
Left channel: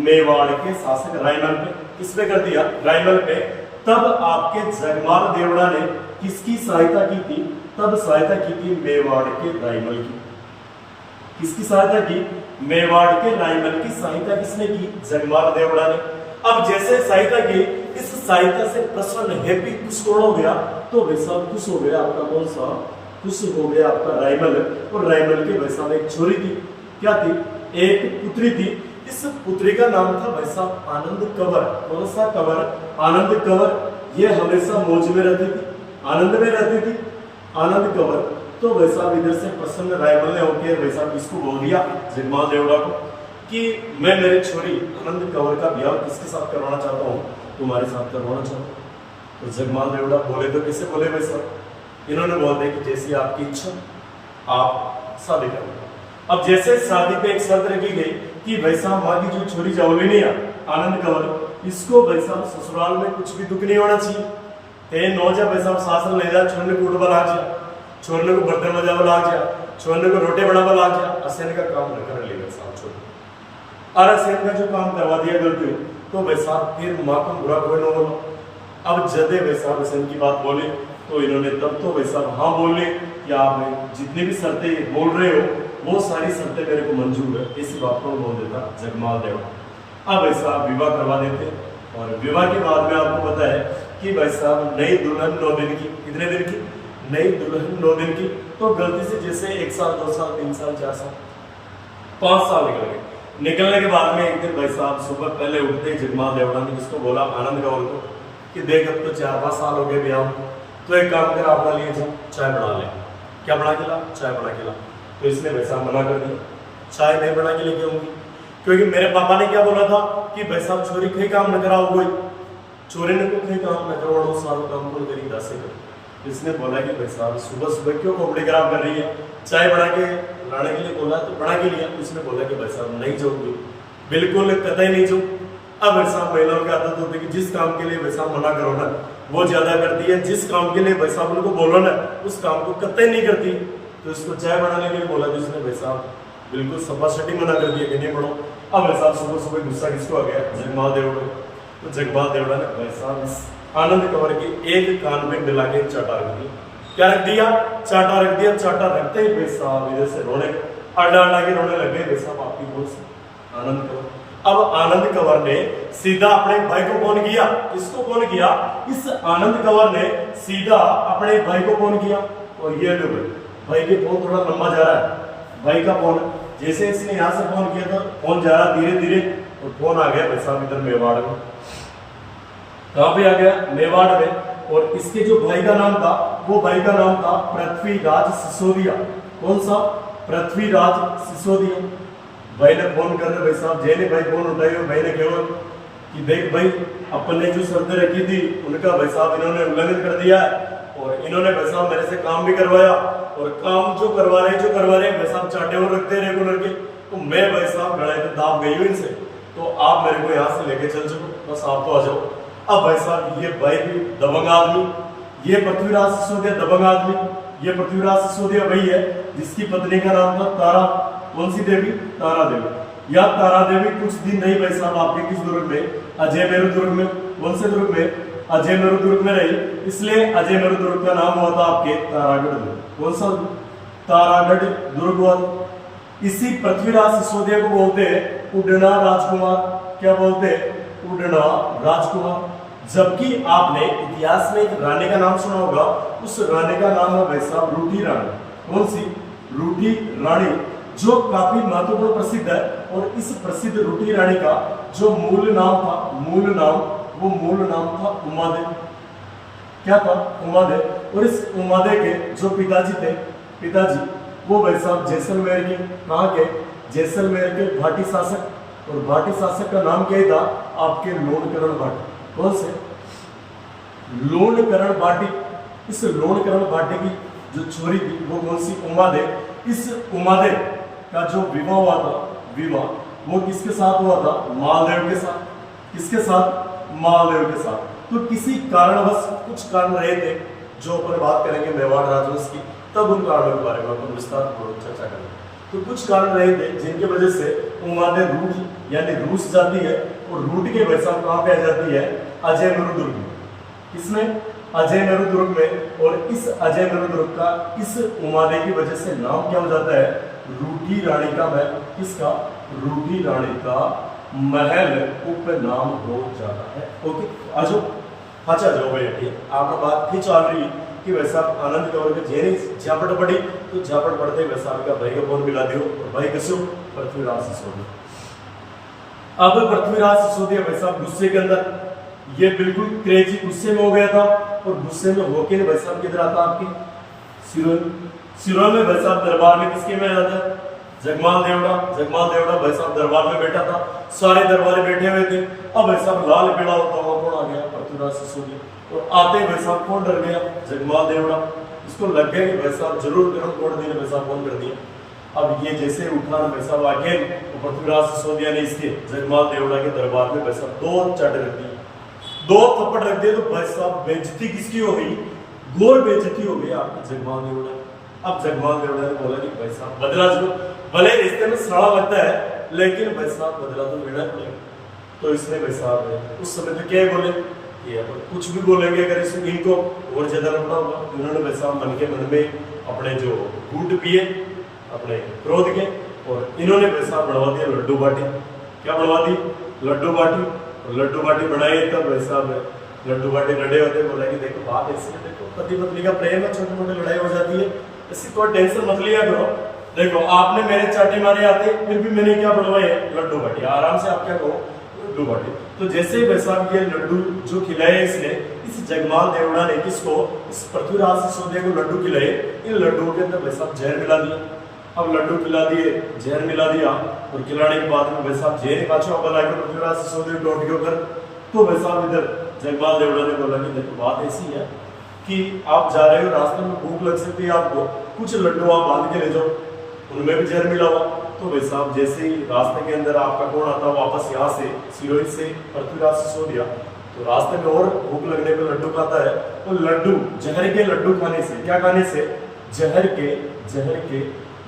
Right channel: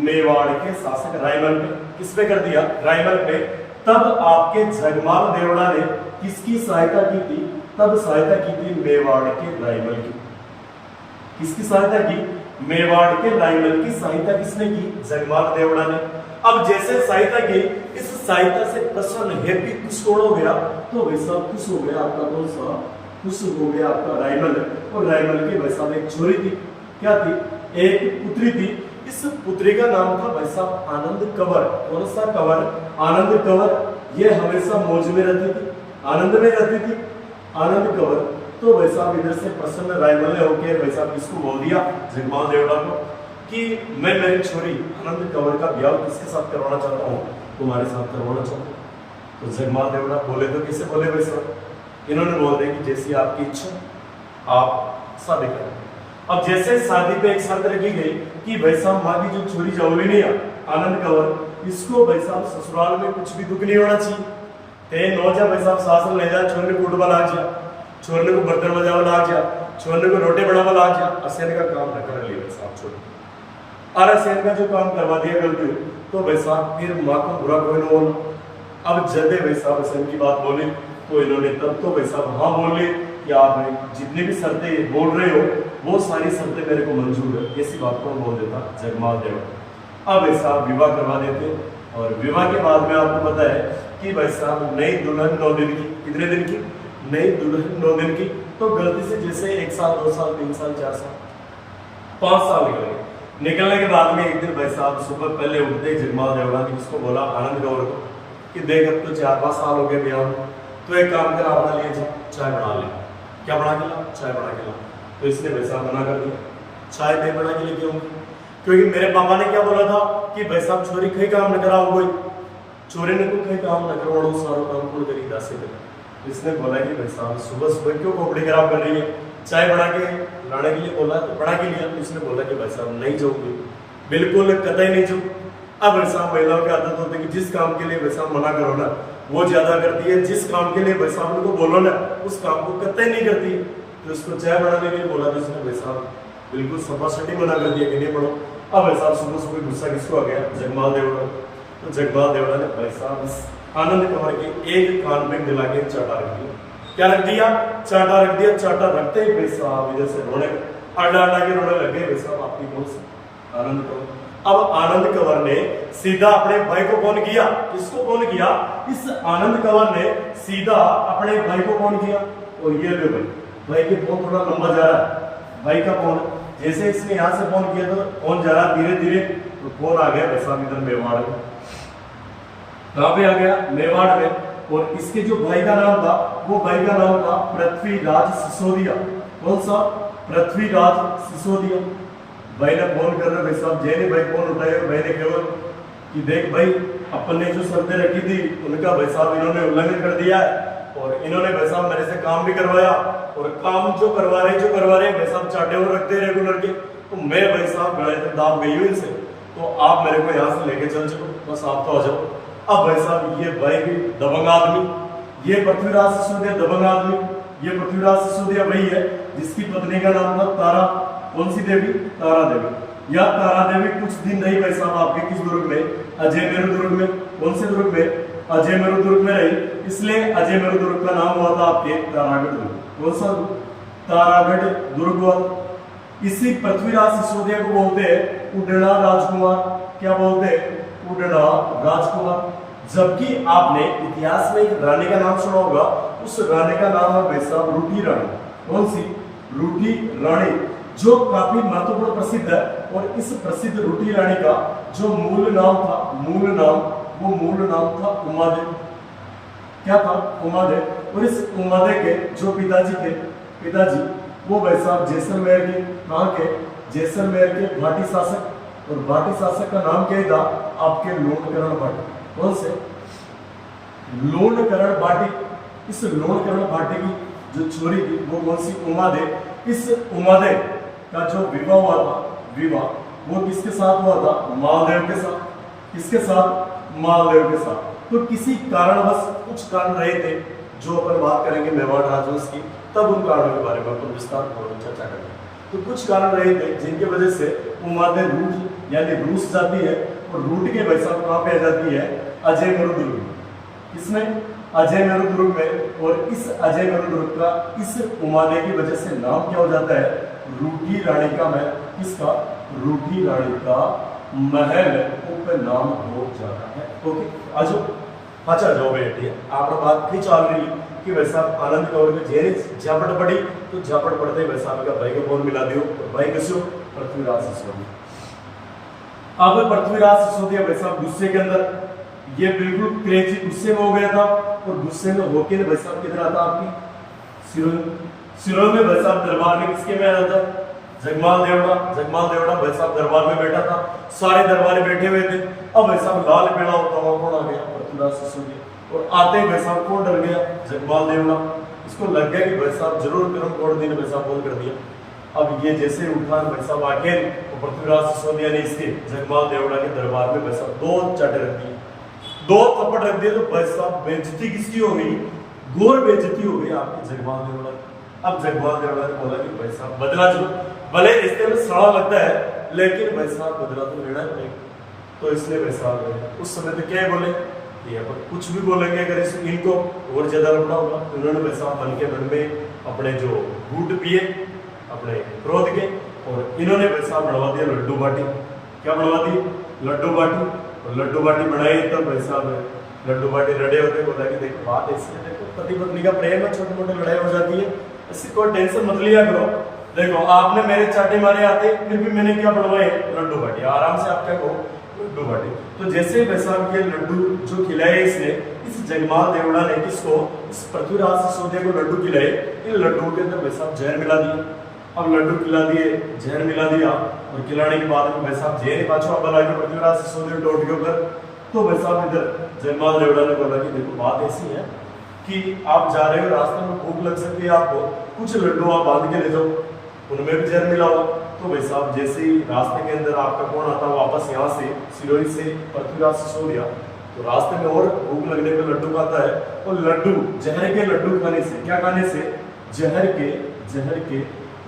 मेवाड़ के शासक रायमल पे। किस पे कर दिया? रायमल पे। तब आपके जगमाल देवड़ा ने किसकी सहायता की थी? तब सहायता की थी मेवाड़ के रायमल की। किसकी सहायता की? मेवाड़ के रायमल की सहायता किसने की? जगमाल देवड़ा ने। अब जैसे सहायता की, इस सहायता से प्रसन्न हैप्पी खुश कौन हो गया, तो भाई साहब खुश हो गया आपका कौन सा, खुश हो गया आपका रायमल। और रायमल के भाई साहब एक छोरी थी, क्या थी, एक पुत्री थी। इस पुत्री का नाम था भाई साहब आनंद कंवर। कौन सा कंवर, आनंद कंवर। ये हमेशा मौज में रहती थी, आनंद में रहती थी, आनंद कंवर। तो भाई साहब इधर से प्रसन्न रायमल ने होकर भाई साहब किसको बोल दिया, जगमाल देवड़ा को, कि मैं मेरी छोरी आनंद कंवर का ब्याह किसके साथ करवाना चाहता हूँ, तुम्हारे साथ करवाना चाहता हूँ। तो जगमाल देवड़ा बोले तो किसे बोले भाई साहब, इन्होंने बोल दिया कि जैसी आपकी इच्छा आप शादी करो। अब जैसे शादी पे एक शर्त रखी गई कि भाई साहब माँ की जो छोरी जाओली नहीं है आनंद कंवर, इसको भाई साहब ससुराल में कुछ भी दुख नहीं होना चाहिए। ते नौ जा भाई साहब सासन ले जा, छोरने को उठवा लाग जा, छोरने को बर्तन बजावा लाग जा, छोरने को रोटी बनावा लाग जा, असेन का काम न कर ली भाई साहब छोड़। और असेन का जो काम करवा दिया गलती, तो भाई साहब फिर माँ को बुरा कोई न बोला। अब जब भाई साहब असेन की बात बोली तो इन्होंने तब तो भाई साहब हाँ बोले कि आप जितनी भी शर्तें बोल रहे हो वो सारी शर्तें मेरे को मंजूर है, ऐसी बात को बोल देता जगमाल देवड़ा। अब ऐसा विवाह करवा देते, और विवाह के बाद में आपको पता है कि भाई साहब नई दुल्हन 9 दिन की, कितने दिन की, नई दुल्हन 9 दिन की। तो गलती से जैसे 1 साल 2 साल 3 साल 4 साल 5 साल निकल गए। निकलने के बाद में एक दिन भाई साहब सुबह पहले उठते जगमाल देवड़ा ने किसको बोला, आनंद कंवर को, कि देख अब तो 4-5 साल हो गए ब्याह, तो एक काम कर अपना लिए जा, चाय बना ले। क्या बना के ला, चाय बना के ला। तो इसने भाई साहब मना कर दिया, चाय नहीं बना के लेके आऊंगी, क्योंकि मेरे पापा ने क्या बोला था कि भाई साहब छोरी कहीं काम न कराओ, कोई चोरी ने को कहीं काम न करवाओ, सारा काम कौन करी दासे कर। इसने बोला कि भाई साहब सुबह सुबह क्यों कपड़े खराब कर रही है, चाय बना के लाने के लिए बोला तो बना के लिया। उसने बोला कि भाई साहब नहीं जाऊंगी, बिल्कुल कतई नहीं जाऊँ। अब भाई साहब महिलाओं की आदत होती है कि जिस काम के लिए भाई साहब मना करो ना वो ज्यादा करती है, जिस काम के लिए भाई साहब उनको बोलो ना उस काम को कतई नहीं करती। तो इसको चाय बनाने के लिए बोला तो इसने भाई साहब बिल्कुल सपासटी मना कर दिया कि नहीं पढ़ो। अब भाई साहब सुबह सुबह गुस्सा किसको आ गया, जगमाल देवड़ा। तो जगमाल देवड़ा ने भाई साहब आनंद कंवर के एक कान में मिला के चाटा रख दिया। क्या रख दिया, चाटा रख दिया। चाटा रखते ही भाई साहब इधर से रोने आडा आडा के रोने लगे भाई साहब आपकी कौन सी, आनंद कंवर। अब आनंद कंवर ने सीधा अपने भाई को फोन किया, किसको फोन किया, इस आनंद कंवर ने सीधा अपने भाई को फोन किया। और ये लो भाई के फोन थोड़ा लंबा जा रहा है, भाई का फोन जैसे इसने यहाँ से फोन किया तो फोन जा रहा धीरे धीरे, तो फोन आ गया भाई साहब इधर मेवाड़ में। कहाँ पे आ गया, मेवाड़ में। और इसके जो भाई का नाम था वो भाई का नाम था पृथ्वीराज सिसोदिया। कौन सा, पृथ्वीराज सिसोदिया। भाई ने फोन कर रहे भाई साहब, जैने भाई फोन उठाए, भाई ने कहा कि देख भाई अपन ने जो शर्तें रखी थी उनका भाई साहब इन्होंने उल्लंघन कर दिया है, और इन्होंने भाई साहब मेरे से काम भी करवाया, और काम जो करवा रहे भाई साहब चाटे और रखते हैं रेगुलर के, तो मैं भाई साहब गले पे दाब गई हूँ इनसे, तो आप मेरे को यहाँ से लेके चल चलो, बस आप तो आ जाओ। अब भाई साहब ये भाई भी दबंग आदमी, ये पृथ्वीराज सिसोदिया दबंग आदमी, ये पृथ्वीराज सिसोदिया वही है जिसकी पत्नी का नाम था तारा, कौन सी देवी, तारा देवी। या तारा देवी कुछ दिन रही भाई साहब आपके किस दुर्ग में, अजय मेरु दुर्ग में। कौन से दुर्ग में, अजय मेरु दुर्ग में रही, इसलिए अजय मेरु दुर्ग का नाम हुआ था आपके तारागढ़ दुर्ग। कौन सा, तारागढ़ दुर्ग हुआ। इसी पृथ्वीराज सिसोदिया को बोलते हैं उड़ना राजकुमार। क्या बोलते हैं, उड़ना राजकुमार। जबकि आपने इतिहास में एक रानी का नाम सुना होगा, उस रानी का नाम है भाई साहब रूठी रानी। कौन सी, रूठी रानी, जो काफी महत्वपूर्ण प्रसिद्ध है। और इस प्रसिद्ध रूठी रानी का जो मूल नाम था, मूल नाम था उमादेव। क्या था, उमादेव। और इस उमादेव के जो पिताजी थे, पिताजी वो भाई साहब जैसलमेर के, कहाँ के, जैसलमेर के भाटी शासक। और भाटी शासक का नाम क्या था आपके, लोणकरण भाटी। कौन से, लोणकरण भाटी। इस लोणकरण भाटी की जो छोरी थी वो कौन सी, उमादेव। इस उमादेव का जो विवाह हुआ था, विवाह वो किसके साथ हुआ था, मालदेव के साथ। किसके साथ, मालदेव के साथ। तो किसी कारणवश कुछ कारण रहे थे जो अपन बात करेंगे मेवाड़ राजवंश की, तब उन कारणों के बारे में अपन विस्तार पूर्वक चर्चा करेंगे। तो कुछ कारण रहे थे जिनके वजह से उमादेव रूठ यानी रूस जाती है, और रूठ के भाई साहब कहाँ पे आ जाती है, अजय मेरु दुर्ग में। किसमें, अजय मेरु दुर्ग में। और इस अजय मेरु दुर्ग का इस उमादेव की वजह से नाम क्या हो जाता है, रूठी रानी का। मैं किसका, रूठी रानी का महल उपनाम हो जाता है। ओके, आजो अच्छा जो बेटी आप बात भी चल रही है कि वैसा आनंद कौर में जेने झापट पड़ी तो झापट पड़ते वैसा का भाई का फोन मिला दियो और भाई कसो पृथ्वीराज सिसोदिया। अब पृथ्वीराज सिसोदिया वैसा गुस्से के अंदर ये बिल्कुल क्रेजी गुस्से में हो गया था और गुस्से में होके भाई साहब किधर आता आपकी सिरोही में भाई साहब दरबार में किसके में आया था जगमाल देवड़ा भाई साहब दरबार में बैठा था, सारे दरबारी बैठे हुए थे। अब भाई साहब लाल पीला होता हुआ कौन आ गया पृथ्वीराज सिसोदिया और आते ही भाई साहब कौन डर गया जगमाल देवड़ा। इसको लग गया कि भाई साहब जरूर करम कोड दिन भाई साहब फोन कर दिया। अब ये जैसे उठा भाई साहब आगे तो पृथ्वीराज सिसोदिया ने इसके जगमाल देवड़ा के दरबार में भाई साहब 2 चाटे रख दिए, 2 थप्पड़ रख दिए। तो भाई साहब बेइज्जती किसकी हो गई, घोर बेइज्जती हो गई आपकी जगमाल देवड़ा। अब जगमाल देवड़ा ने बोला कि भाई साहब बदला जो भले रिश्ते में सड़ा लगता है लेकिन भाई साहब बदला तो लेना पड़ेगा। तो इसने भाई साहब उस समय तो क्या बोले कि अपन कुछ भी बोलेंगे अगर इनको और ज्यादा लपड़ा होगा। उन्होंने भाई साहब मन के मन में अपने जो घूट पिए अपने क्रोध के और इन्होंने भाई साहब बनवा दिया लड्डू बाटी। क्या बनवा दी लड्डू बाटी, और लड्डू बाटी बनाई तब भाई साहब लड्डू बाटी लड़े होते बोला कि देखो बात ऐसी है, देखो पति पत्नी का प्रेम है, छोटे मोटे लड़ाई हो जाती है, इससे कोई टेंशन मत लिया करो। देखो आपने मेरे चाटे मारे आते फिर भी मैंने क्या बनवाए लड्डू बाटी, आराम से आप क्या कहो लड्डू बाटी। तो जैसे भाई साहब ये लड्डू जो खिलाए इसने इस जगमाल देवड़ा ने किसको इस पृथ्वीराज सिसोदिया को लड्डू खिलाए, इन लड्डुओं के अंदर भाई साहब जहर मिला दिया। अब लड्डू खिला दिए जहर मिला दिया और खिलाने के बाद में भाई साहब जहर पाछो अब लाके पृथ्वीराज सिसोदिया टोट के ऊपर। तो भाई साहब इधर जगमाल देवड़ा ने बोला कि देखो बात ऐसी है कि आप जा रहे हो रास्ते में भूख लग सकती है आपको, कुछ लड्डू आप बांध के ले जाओ, उनमें भी जहर मिला हुआ। तो भाई साहब जैसे ही रास्ते के अंदर आपका कौन आता वापस यहाँ से सिरोही से पृथ्वीराज सिसोदिया, तो रास्ते में और भूख लगने पर लड्डू खाता है और लड्डू जहर के लड्डू खाने से क्या खाने से जहर के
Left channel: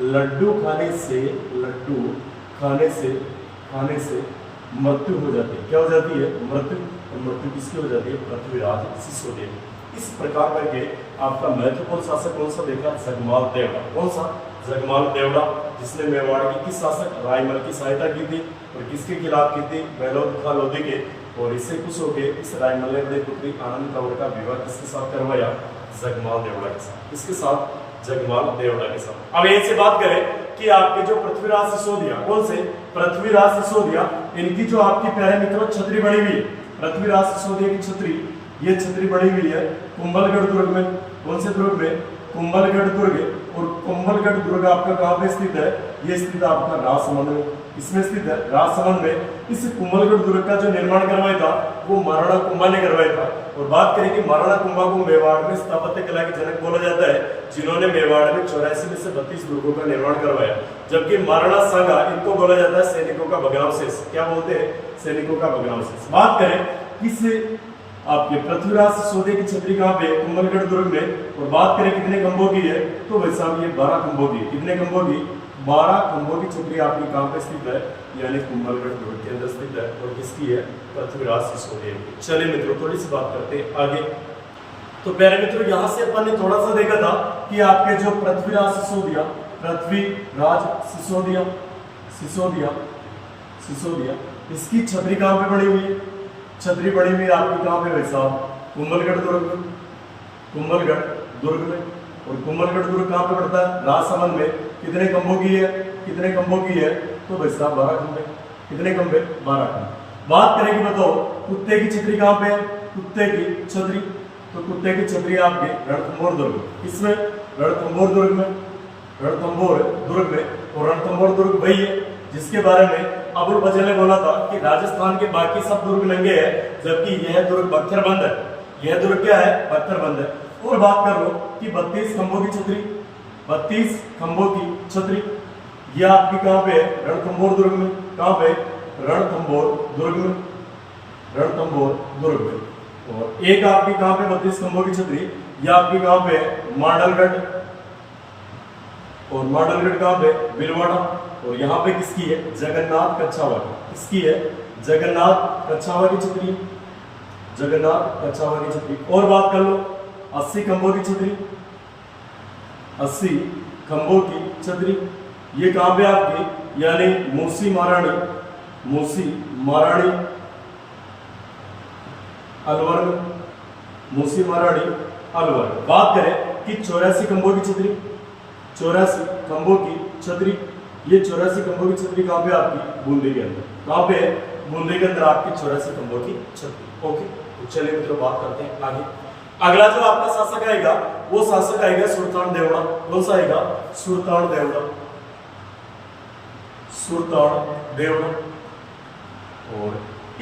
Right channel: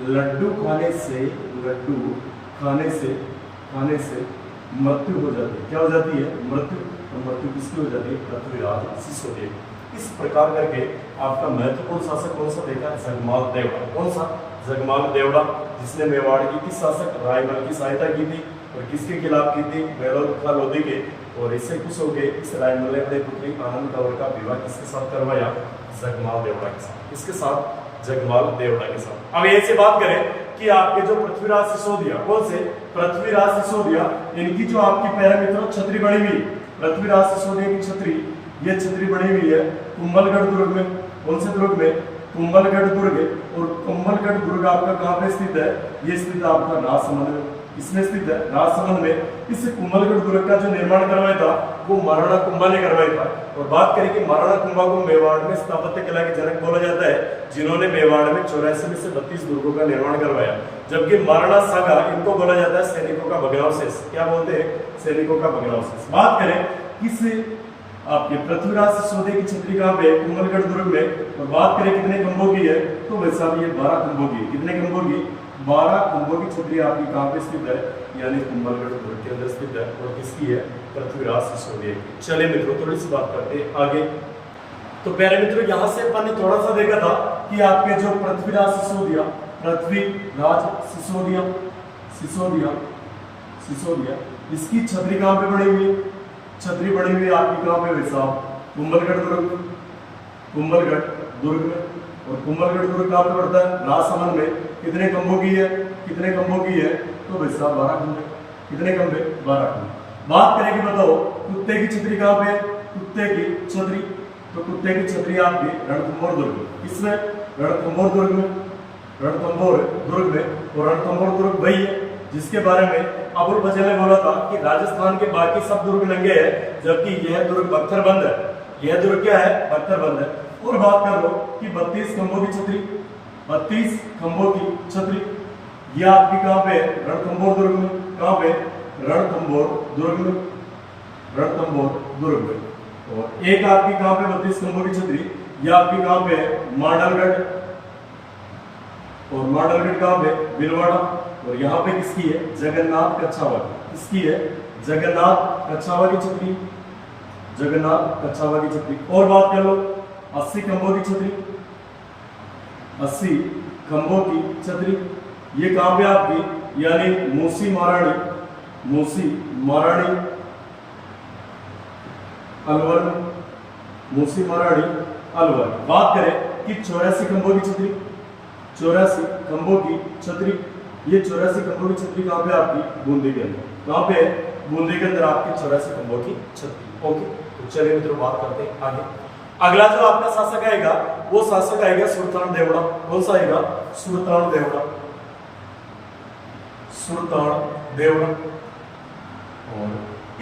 लड्डू खाने से मृत्यु हो जाती है। क्या हो जाती है मृत्यु, और मृत्यु किसकी हो जाती है पृथ्वीराज सिसोदिया। इस प्रकार करके आपका महत्वपूर्ण शासक कौन सा देखा जगमाल देवड़ा। कौन सा जगमाल देवड़ा जिसने मेवाड़ की किस शासक रायमल की सहायता की थी और किसके खिलाफ की थी मेहलोद खां लोधी के। और इससे खुश होकर इस रायमल ने अपने पुत्री आनंद कंवर का विवाह किसके साथ करवाया जगमाल देवड़ा के साथ। इसके साथ जगमाल देवड़ा के साथ। अब ऐसे बात करें कि आपके जो पृथ्वीराज सिसोदिया कौन से पृथ्वीराज सिसोदिया, इनकी जो आपकी प्यारे मित्रों छतरी बनी हुई पृथ्वीराज सिसोदिया की छतरी, ये छतरी बनी हुई है कुंभलगढ़ दुर्ग में। कौन से दुर्ग में कुंभलगढ़ दुर्ग। और कुंभलगढ़ दुर्ग आपका कहाँ पे स्थित है, ये स्थित आपका राजसमंद में, इसमें स्थित है राजसमंद में। इस कुंभलगढ़ दुर्ग का जो निर्माण करवाया था वो महाराणा कुंभा ने करवाया था। और बात करें कि महाराणा कुंभा को मेवाड़ में स्थापत्य कला के जनक बोला जाता है, जिन्होंने मेवाड़ में 84 में से 32 दुर्गों का निर्माण करवाया। जबकि महाराणा सांगा इनको बोला जाता है सैनिकों का भग्नावशेष। क्या बोलते हैं सैनिकों का भग्नावशेष। बात करें किस आपके पृथ्वीराज सिसोदिया की छतरी कहाँ पे कुंभलगढ़ दुर्ग में। और बात करें कितने खंभों की है तो भाई साहब ये 12 खंभों की। कितने खंभों की 12 खंभों की छतरी आपकी कहाँ पे स्थित है यानी कुंभलगढ़ दुर्ग के अंदर स्थित है। और किसकी है पृथ्वीराज सिसोदिया की। चलिए मित्रों थोड़ी सी बात करते हैं आगे। तो प्यारे मित्रों यहाँ से अपन ने थोड़ा सा देखा था कि आपके जो पृथ्वीराज सिसोदिया इसकी छतरी कहाँ पे बनी हुई है, छतरी बनी हुई आपकी कहाँ पे भाई साहब कुंभलगढ़ दुर्ग में। और कुंभलगढ़ दुर्ग कहाँ पे पड़ता है राजसमंद में। कितने खंभों की है तो भाई साहब 12 खंभे। कितने खंभे 12 खंभे। बात करेंगे बताओ कुत्ते की छतरी कहाँ पे है, कुत्ते की छतरी, तो कुत्ते की छतरी आपके रणथंभौर दुर्ग। इसमें रणथंभौर दुर्ग में। और रणथंभौर दुर्ग वही है जिसके बारे में अबुल फजल ने बोला था कि राजस्थान के बाकी सब दुर्ग नंगे हैं जबकि यह दुर्ग पत्थरबंद है। यह दुर्ग क्या है पत्थरबंद है। और बात कर लो कि 32 खंभों की छतरी यह आपकी कहाँ पे है रणथंभौर दुर्ग में। कहाँ पे रणथंभौर दुर्ग में। और एक आपकी कहाँ पे 32 खंभों की छतरी यह आपकी कहाँ पे है मांडलगढ़। और मांडलगढ़ कहाँ पे भीलवाड़ा। और यहाँ पे किसकी है जगन्नाथ कच्छावा की। किसकी है जगन्नाथ कच्छावा की छतरी। और बात कर लो 80 खंभों की छतरी ये कहाँ पे आपकी यानी मूसी मूसी महारानी अलवर में, मूसी महारानी अलवर। बात करें कि 84 खंभों की छतरी, 84 खंभों की छतरी, ये 84 खंभों की छतरी कहाँ पे आपकी? बूंदी के अंदर। कहाँ पे? बूंदी के अंदर आपकी 84 खंभों की छतरी। ओके, तो चलिए मित्रों बात करते हैं आगे। अगला जो आपका शासक आएगा वो शासक आएगा सुल्तान देवड़ा। कौन सा आएगा? सुल्तान देवड़ा, सुल्तान देवड़ा। और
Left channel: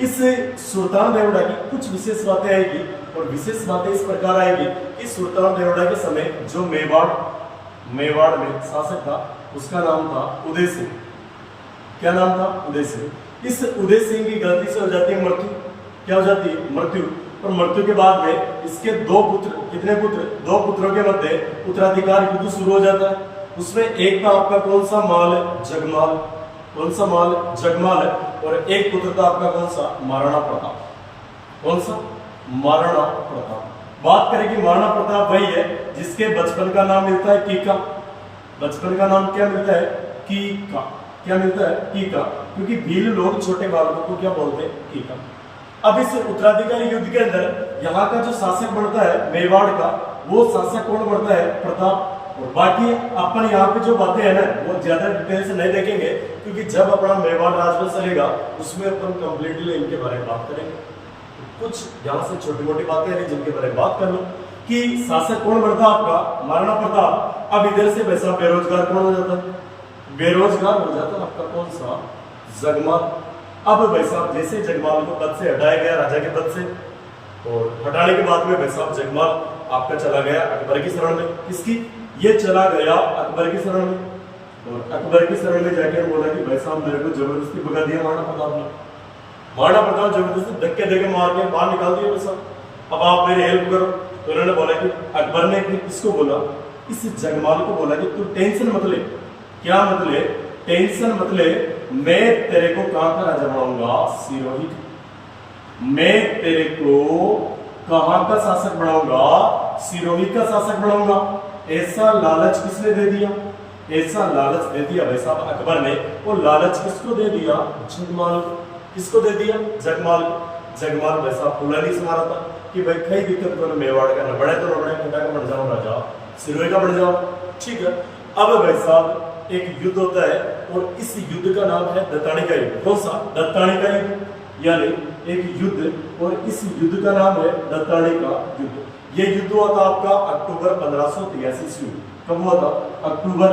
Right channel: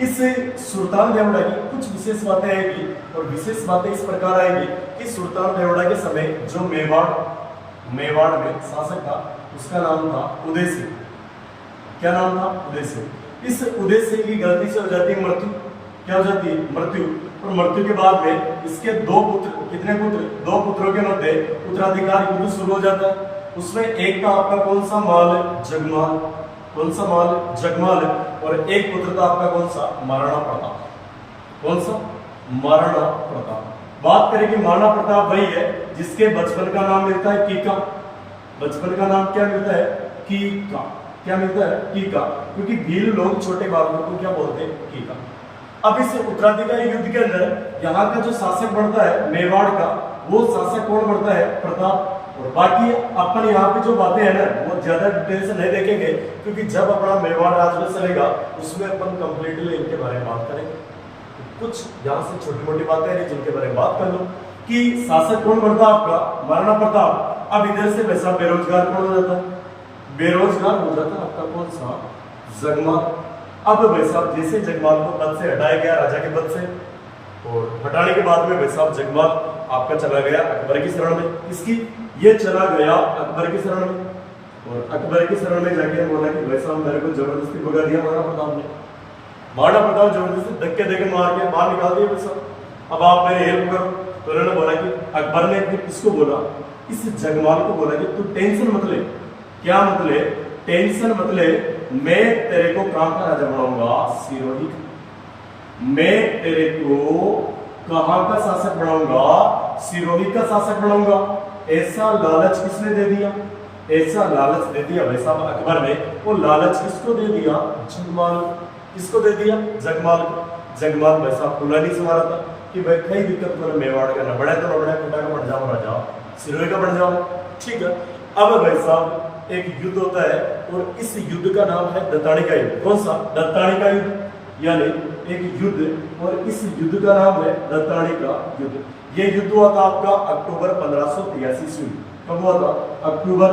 इस सुल्तान देवड़ा की कुछ विशेष बातें आएगी, और विशेष बातें इस प्रकार आएगी कि सुल्तान देवड़ा के समय जो मेवाड़ में शासक था उसका नाम था उदय सिंह। क्या नाम था? उदय सिंह। इस उदय सिंह की गलती से हो जाती है मृत्यु। क्या हो जाती है? मृत्यु। और मृत्यु के बाद में इसके दो पुत्र, कितने पुत्र? दो पुत्रों के मध्य उत्तराधिकार युद्ध शुरू हो जाता है। उसमें एक था आपका कौन सा? माल, जगमाल। कौन सा? माल, जगमाल। और एक पुत्र था आपका कौन सा? महाराणा प्रताप। कौन सा? महाराणा प्रताप। बात करें कि महाराणा प्रताप वही है जिसके बचपन का नाम मिलता है कीका। बचपन का नाम क्या मिलता है? कीका। क्या मिलता है? कीका। क्योंकि भील लोग छोटे बालकों को क्या बोलते हैं? कीका। अब इस उत्तराधिकारी युद्ध के अंदर यहाँ का जो शासक बनता है मेवाड़ का, वो शासक कौन बनता है? प्रताप। और बाकी अपन यहाँ पे जो बातें हैं ना वो ज्यादा डिटेल से नहीं देखेंगे, क्योंकि जब अपना मेवाड़ राजवंश चलेगा उसमें अपन कंप्लीटली इनके बारे में बात करेंगे। कुछ यहाँ से छोटी मोटी बातें हैं जिनके बारे में बात कर लो कि शासक कौन बनता है आपका? महाराणा प्रताप। अब इधर से वैसा बेरोजगार कौन हो जाता है? बेरोजगार हो जाता है आपका कौन सा? जगमाल। अब वैसा जैसे जगमाल को पद से हटाया गया राजा के पद से, और हटाने के बाद में वैसा जगमाल आपका चला गया अकबर की शरण में। किसकी? ये चला गया अकबर की शरण में। और अकबर की शरण में जाके बोला कि भाई साहब मेरे को जबरदस्ती भगा दिया महाराणा प्रताप ने। महाराणा प्रताप जबरदस्ती धक्के देके मार के बाहर निकाल दिया वैसा, अब आप मेरी हेल्प करो। तो उन्होंने बोला कि अकबर ने फिर किसको बोला? इस जगमाल को बोला कि तू टेंशन मत ले। क्या मत ले? टेंशन मत ले, मैं तेरे को कहां का राजा बनाऊंगा? सिरोही। मैं तेरे को कहां का शासक बनाऊंगा? सिरोही का शासक बनाऊंगा। ऐसा लालच किसने दे दिया? ऐसा लालच दे दिया भाई साहब अकबर ने। वो लालच किसको दे दिया? जगमाल। किसको दे दिया? जगमाल। जगमाल भाई साहब फुलानी से मारा था कि भाई कई दिक्कत को ना मेवाड़ का न बढ़े तो न बढ़े, पिता का बन जाओ राजा, सिरोही का बन जाओ। ठीक है। अब भाई साहब एक युद्ध होता है और इस युद्ध का नाम है दत्तानी का युद्ध। कौन सा? दत्तानी का युद्ध। यानी एक युद्ध, और इस युद्ध का नाम है दत्तानी का युद्ध। ये युद्ध हुआ था आपका अक्टूबर 1583 ईस्वी में। कब हुआ था? अक्टूबर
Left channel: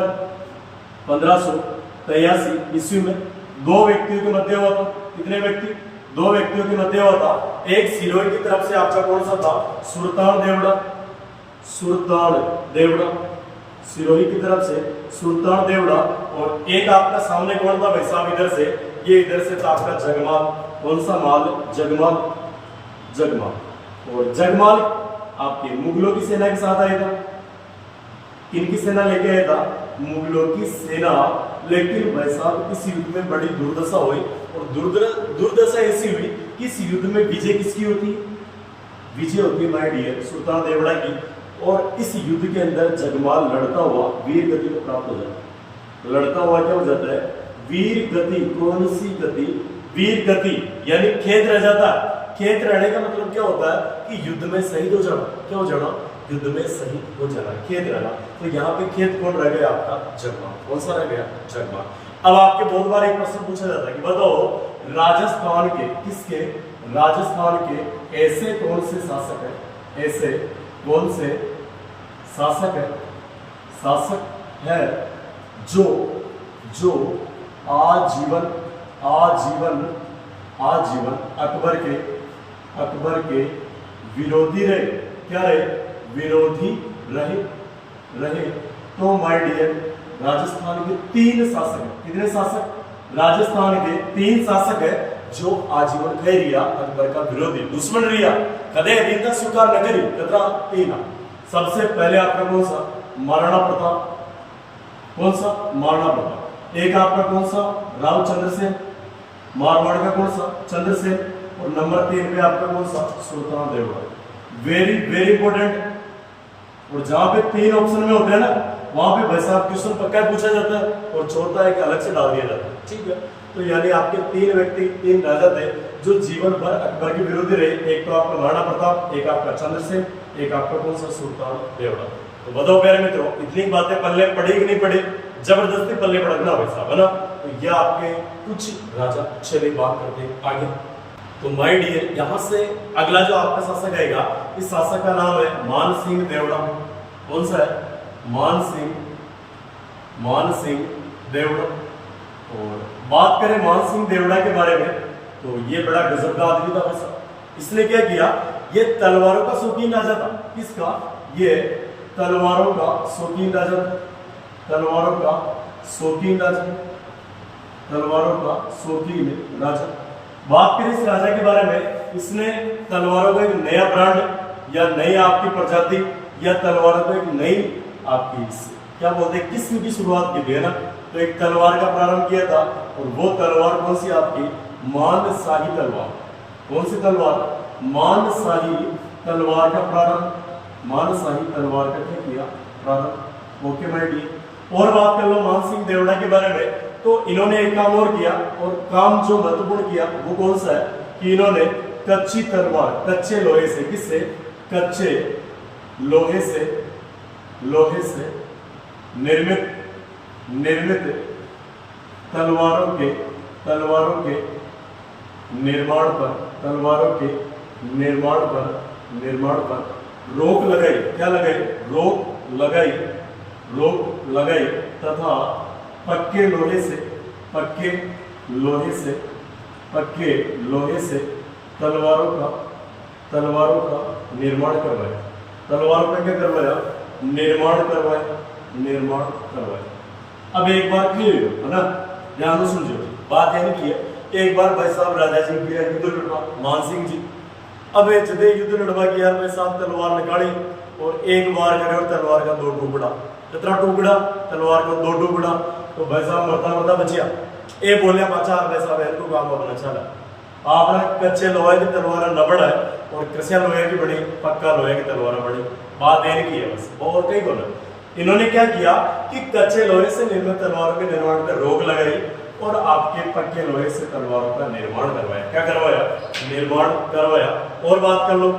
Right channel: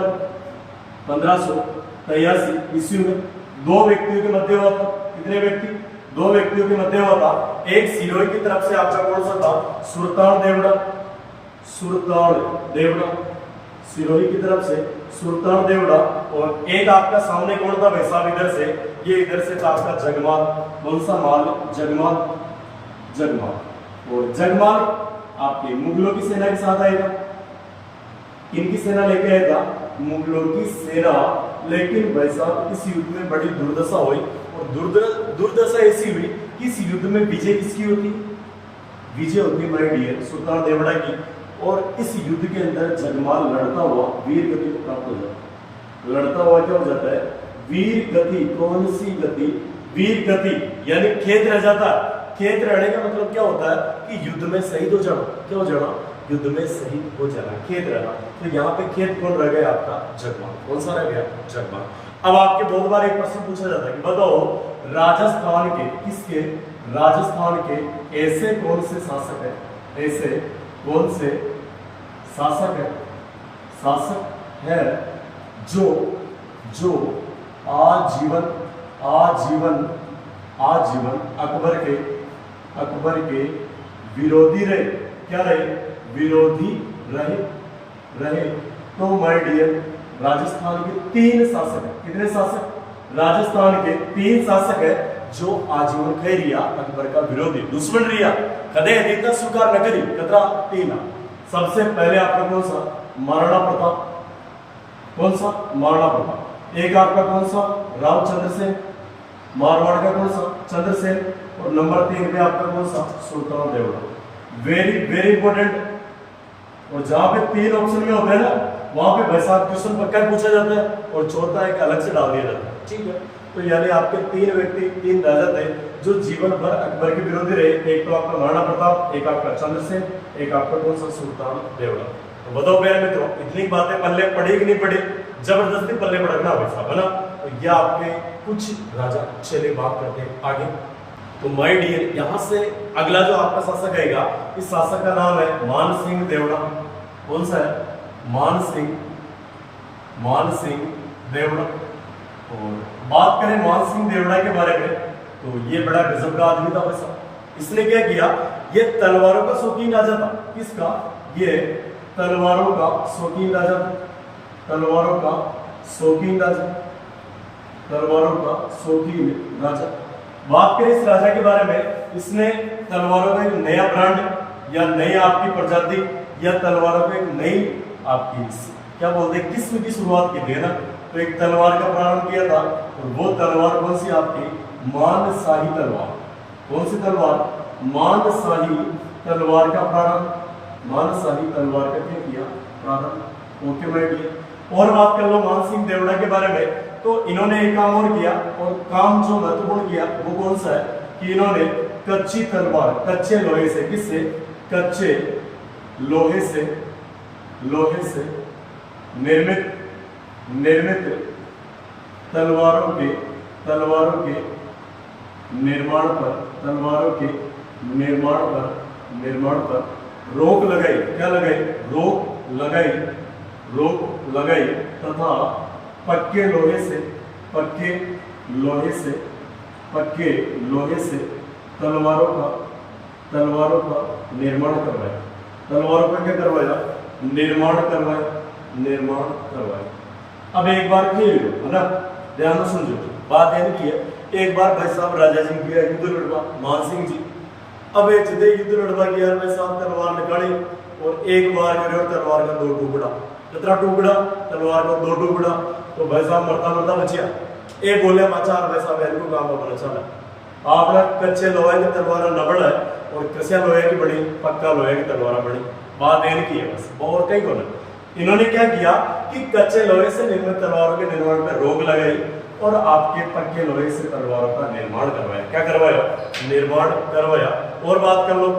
1583 ईस्वी में। दो व्यक्तियों के मध्य हुआ था। कितने व्यक्ति? दो व्यक्तियों के मध्य हुआ था। एक सिरोही की तरफ से आपका कौन सा था? सुल्तान देवड़ा। सुल्तान देवड़ा सिरोही की तरफ से सुल्तान देवड़ा। और एक आपका सामने कौन था भाई साहब? इधर से, ये इधर से था आपका जगमाल। कौन सा माल? जगमाल। जगमाल। और जगमाल आपके मुगलों की सेना के साथ आएगा। किनकी सेना लेके आएगा? मुगलों की सेना। लेकिन भाई साहब इस युद्ध में बड़ी दुर्दशा हुई, और दुर्दशा ऐसी हुई कि इस युद्ध में विजय किसकी होती? विजय होती माय डियर सुल्तान देवड़ा की। और इस युद्ध के अंदर जगमाल लड़ता हुआ वीर गति को प्राप्त हो जाता है। लड़ता हुआ क्या हो जाता है? वीर गति। कौन सी गति? वीर गति। यानी खेत रह जाता है। खेत रहने का मतलब क्या होता है? कि युद्ध में शहीद हो जाना। क्या हो जाना? युद्ध में शहीद हो जाना, खेत रहना। तो यहाँ पे खेत कौन रह गया आपका? जगमाल। कौन सा रह गया? जगमाल। अब आपके बहुत बार एक प्रश्न पूछा जाता है कि बताओ राजस्थान के, किसके? राजस्थान के ऐसे कौन से शासक है? ऐसे कौन से शासक है? शासक है जो जो आजीवन आजीवन आजीवन अकबर के विरोधी रहे। क्या रहे? विरोधी रहे। तो माय डियर राजस्थान के 3 शासक है। कितने शासक? राजस्थान के 3 शासक है जो आजीवन कह रिया अकबर का विरोधी, दुश्मन रिया। कदे रीता स्वीकार न करी कतरा 3। सबसे पहले आपका कौन सा? महाराणा प्रताप। कौन सा? महाराणा प्रताप। एक आपका कौन सा? राव चंद्रसेन। मारवाड़ का कौन सा? चंद्रसेन। और नंबर 3 पे आपका कौन सा? Sultan Devda. Very very important. और जहां पे 3 ऑप्शन में होते हैं ना वहां पे भाई साहब क्वेश्चन पक्का पूछा जाता है और चौथा एक अलग से डाल दिया जाता है, ठीक है। तो यानी आपके तीन व्यक्ति, तीन राजा थे जो जीवन भर अकबर के विरोधी रहे। एक तो आपका महाराणा प्रताप, एक आपका चंद्रसेन, एक आपका कौन सा सुल्तान देवड़ा। तो बताओ प्यारे मित्रों, इतनी बातें पल्ले पड़ी कि नहीं पड़ी? जबरदस्ती पल्ले पड़ना भाई साहब, है ना। तो यह आपके कुछ राजा। चलिए बात करते हैं आगे। तो माय डियर, यहाँ से अगला जो आपका शासक आएगा, इस शासक का नाम है मान सिंह देवड़ा। कौन सा है? मान सिंह देवड़ा। और बात करें मान सिंह देवड़ा के बारे में, तो ये बड़ा गजब का आदमी था वैसा। इसने क्या किया? ये तलवारों का शौकीन राजा था। किसका? ये तलवारों का शौकीन राजा था। तलवारों का शौकीन राजा, तलवारों का शौकीन राजा। बात करें इस राजा के बारे में, इसने तलवारों का एक नया ब्रांड या नई आपकी प्रजाति या तलवारों का एक नई आपकी क्या बोलते हैं किस्म की शुरुआत की थी, है ना। तो एक तलवार का प्रारंभ किया था और वो तलवार कौन सी? आपकी मानशाही तलवार। कौन सी तलवार? मानशाही तलवार का प्रारंभ, मानशाही तलवार का क्या किया? प्रारंभ। Okay my dear. और बात कर लो मान सिंह देवड़ा के बारे में, तो इन्होंने एक काम और किया, और काम जो महत्वपूर्ण किया वो कौन सा है कि इन्होंने कच्ची तलवार, कच्चे लोहे से, किससे? कच्चे लोहे से निर्मित तलवारों के निर्माण पर रोक लगाई। क्या लगाई? रोक लगाई तथा पक्के लोहे से तलवारों का निर्माण करवाया। तलवारों का क्या करवाया? निर्माण करवाया। अब एक बार फिर, है ना, ध्यान से सुनजो, बात ये नहीं है। एक बार भाई साहब राजा जी किया युद्ध लड़वा, मान सिंह जी। अब जदे युद्ध लड़वा किया भाई साहब, तलवार निकाली और एक बार करे और तलवार का दो टुकड़ा। कितना टुकड़ा? तलवार का दो टुकड़ा। तो भाई साहब मरता बचिया। ये बोले बाचार भाई साहब इनको काम बना चला, आपने कच्चे लोहे की तलवार नबड़ है और कसिया लोहे की बड़ी, पक्का लोहे की तलवार बड़ी। बात ये नहीं की है बस, और कई बोला। इन्होंने क्या किया कि कच्चे लोहे से निर्मित तलवारों के निर्माण पर रोक लगाई और आपके पक्के लोहे से तलवारों का निर्माण करवाया। क्या करवाया? निर्माण करवाया। और बात कर लो,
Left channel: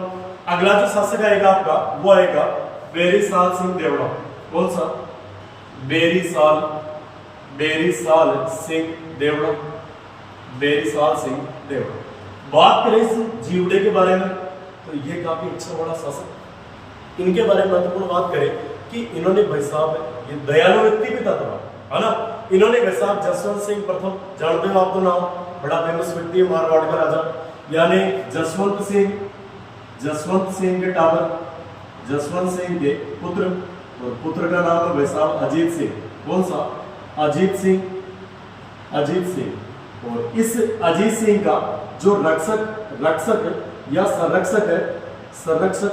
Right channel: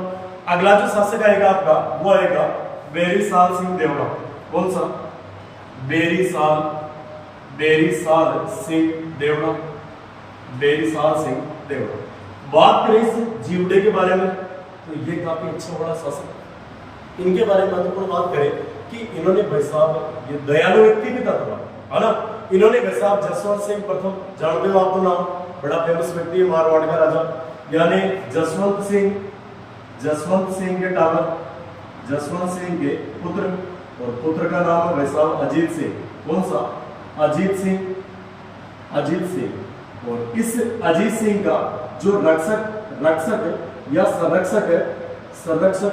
अगला जो शासक आएगा आपका, वो आएगा बेरीसाल सिंह देवड़ा। कौन सा? बेरीसाल सिंह देवड़ा। बेरीसाल सिंह देवड़ा। बात करें इस जीवड़े के बारे में, तो ये काफी अच्छा बड़ा शासक। इनके बारे में महत्वपूर्ण बात करें कि इन्होंने भाई साहब ये दयालु व्यक्ति भी था थोड़ा, है ना। इन्होंने भाई साहब जसवंत सिंह प्रथम, जानते हो आप तो नाम, बड़ा फेमस व्यक्ति है मारवाड़ का राजा, यानी जसवंत सिंह के टावर, जसवंत सिंह के पुत्र, और पुत्र का नाम है भाई साहब अजीत सिंह। कौन सा? अजीत सिंह। और इस अजीत सिंह का जो रक्षक या संरक्षक,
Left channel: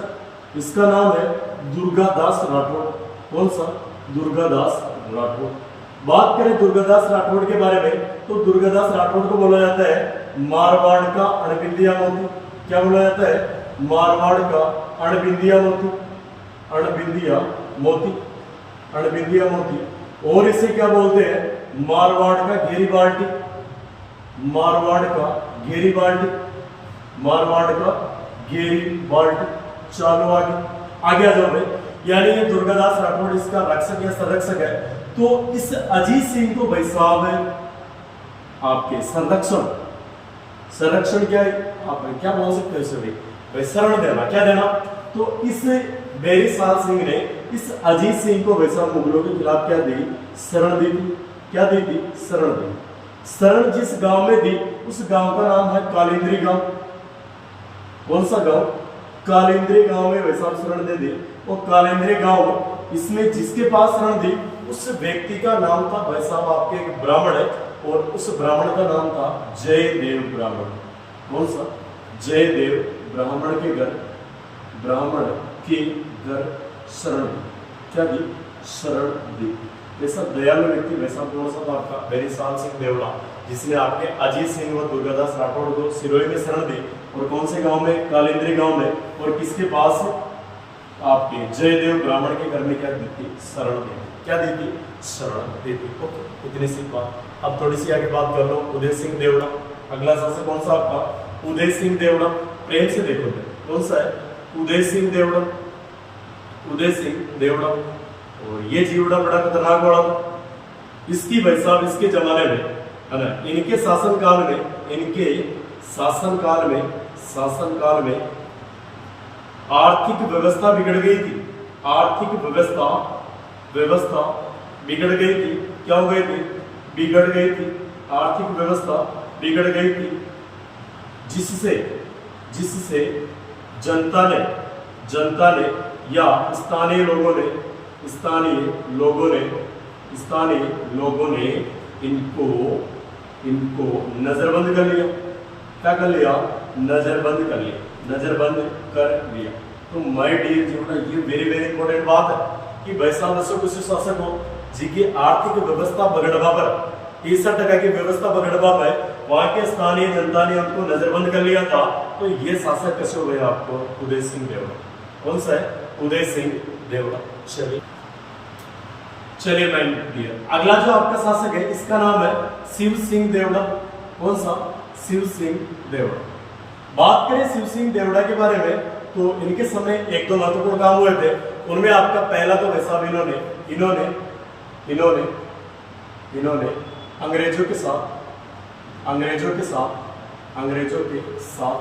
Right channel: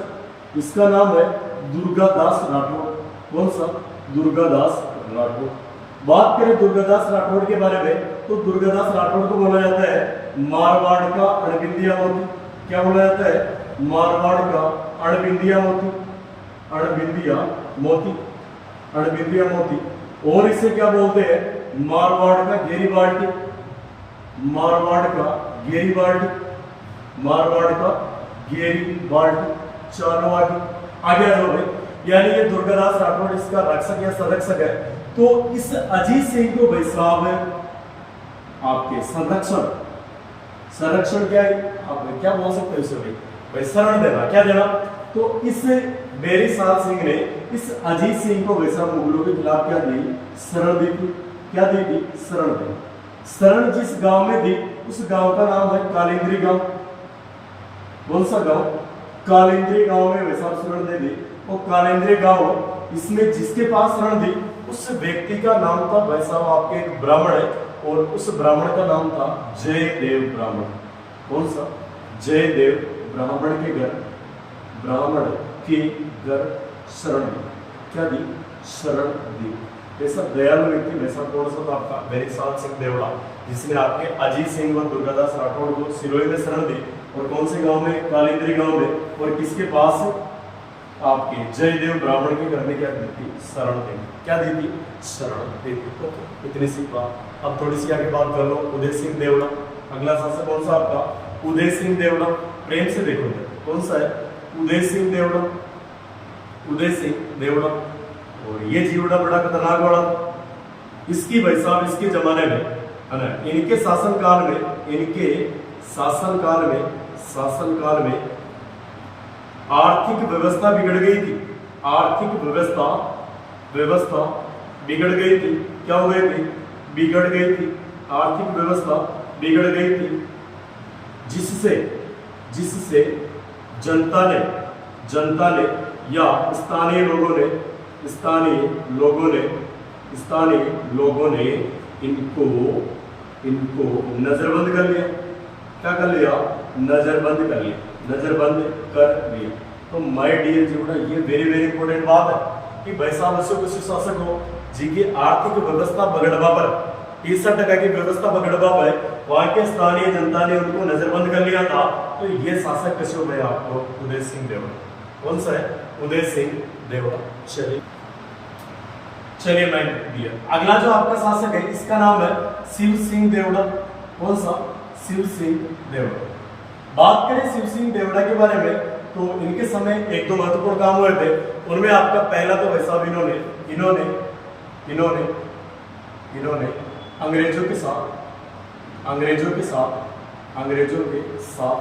इसका नाम है दुर्गादास राठौड़। कौन सा? दुर्गादास राठौड़। बात करें दुर्गादास राठौड़ के बारे में, तो दुर्गादास राठौड़ को बोला जाता है मारवाड़ का अणबिंदिया मोती। क्या बोला जाता है? मारवाड़ का अणबिंदिया मोती। और इसे क्या बोलते हैं? मारवाड़ का घेरी बाल्टी। चलो आगे आ जाओ भाई। यानी ये दुर्गादास राठौड़ इसका रक्षक या संरक्षक है। तो इस अजीत सिंह को भाई साहब आपके संरक्षण क्या है, आप क्या बोल सकते हो इसे भाई शरण देना। क्या देना? तो इस बेरीसाल सिंह ने इस अजीत सिंह को भाई साहब मुगलों के खिलाफ क्या दी? शरण दी थी। क्या दी थी? शरण दी। शरण जिस गांव में दी, उस गांव का नाम है कालिंद्री गांव। कौन सा गांव? कालिंद्री गांव में भाई साहब शरण दे दी। और कालिंद्री गांव, इसमें जिसके पास शरण दी उस व्यक्ति का नाम था भाई साहब आपके एक ब्राह्मण है, और उस ब्राह्मण का नाम था जयदेव ब्राह्मण। कौन सा? जयदेव ब्राह्मण के घर शरण दी। क्या दी? शरण दी। ऐसा दयालु व्यक्ति भाई साहब कौन सा था आपका? बेरीसाल सिंह देवड़ा, जिसने आपके अजीत सिंह और दुर्गादास राठौड़ को सिरोही में शरण दी। और कौन से गांव में? कालिंद्री गांव में। और किसके पास? आपके जयदेव ब्राह्मण के घर में क्या देती? शरण देती। क्या देती? शरण देती। ओके, इतनी सी बात। अब थोड़ी सी आगे बात कर लो, उदय सिंह देवड़ा। अगला शासक कौन सा आपका? उदय सिंह देवड़ा। प्रेम से देखो कौन सा है? उदय सिंह देवड़ा। उदय सिंह देवड़ा। और ये जीवड़ा बड़ा खतरनाक वाला, इसकी भाई साहब इसके जमाने में है ना, इनके शासनकाल में आर्थिक व्यवस्था बिगड़ गई थी। आर्थिक व्यवस्था बिगड़ गई थी। क्या हो गई थी? बिगड़ गई थी। आर्थिक व्यवस्था बिगड़ गई थी, जिससे जनता ने या स्थानीय लोगों ने इनको नजरबंद कर लिया। क्या कर लिया? नजरबंद कर लिया। तो माय डियर जीवड़ा, ये वेरी वेरी इंपॉर्टेंट बात है कि भाई साहब ऐसे कुछ शासक हो जिनकी आर्थिक व्यवस्था बगड़वा पर 30% की व्यवस्था बगड़वा पर वहां के स्थानीय जनता ने उनको नजरबंद कर लिया था। तो ये शासक कैसे हो गया आपको? उदय सिंह देवड़ा। कौन सा है? उदय सिंह देवड़ा। चलिए मैं डियर, अगला जो आपका शासक है इसका नाम है शिव सिंह देवड़ा। कौन सा? शिव सिंह देवड़ा। बात करें शिव सिंह देवड़ा के बारे में तो इनके समय एक दो महत्वपूर्ण काम हुए थे। उनमें आपका पहला तो वैसा इन्होंने अंग्रेजों के साथ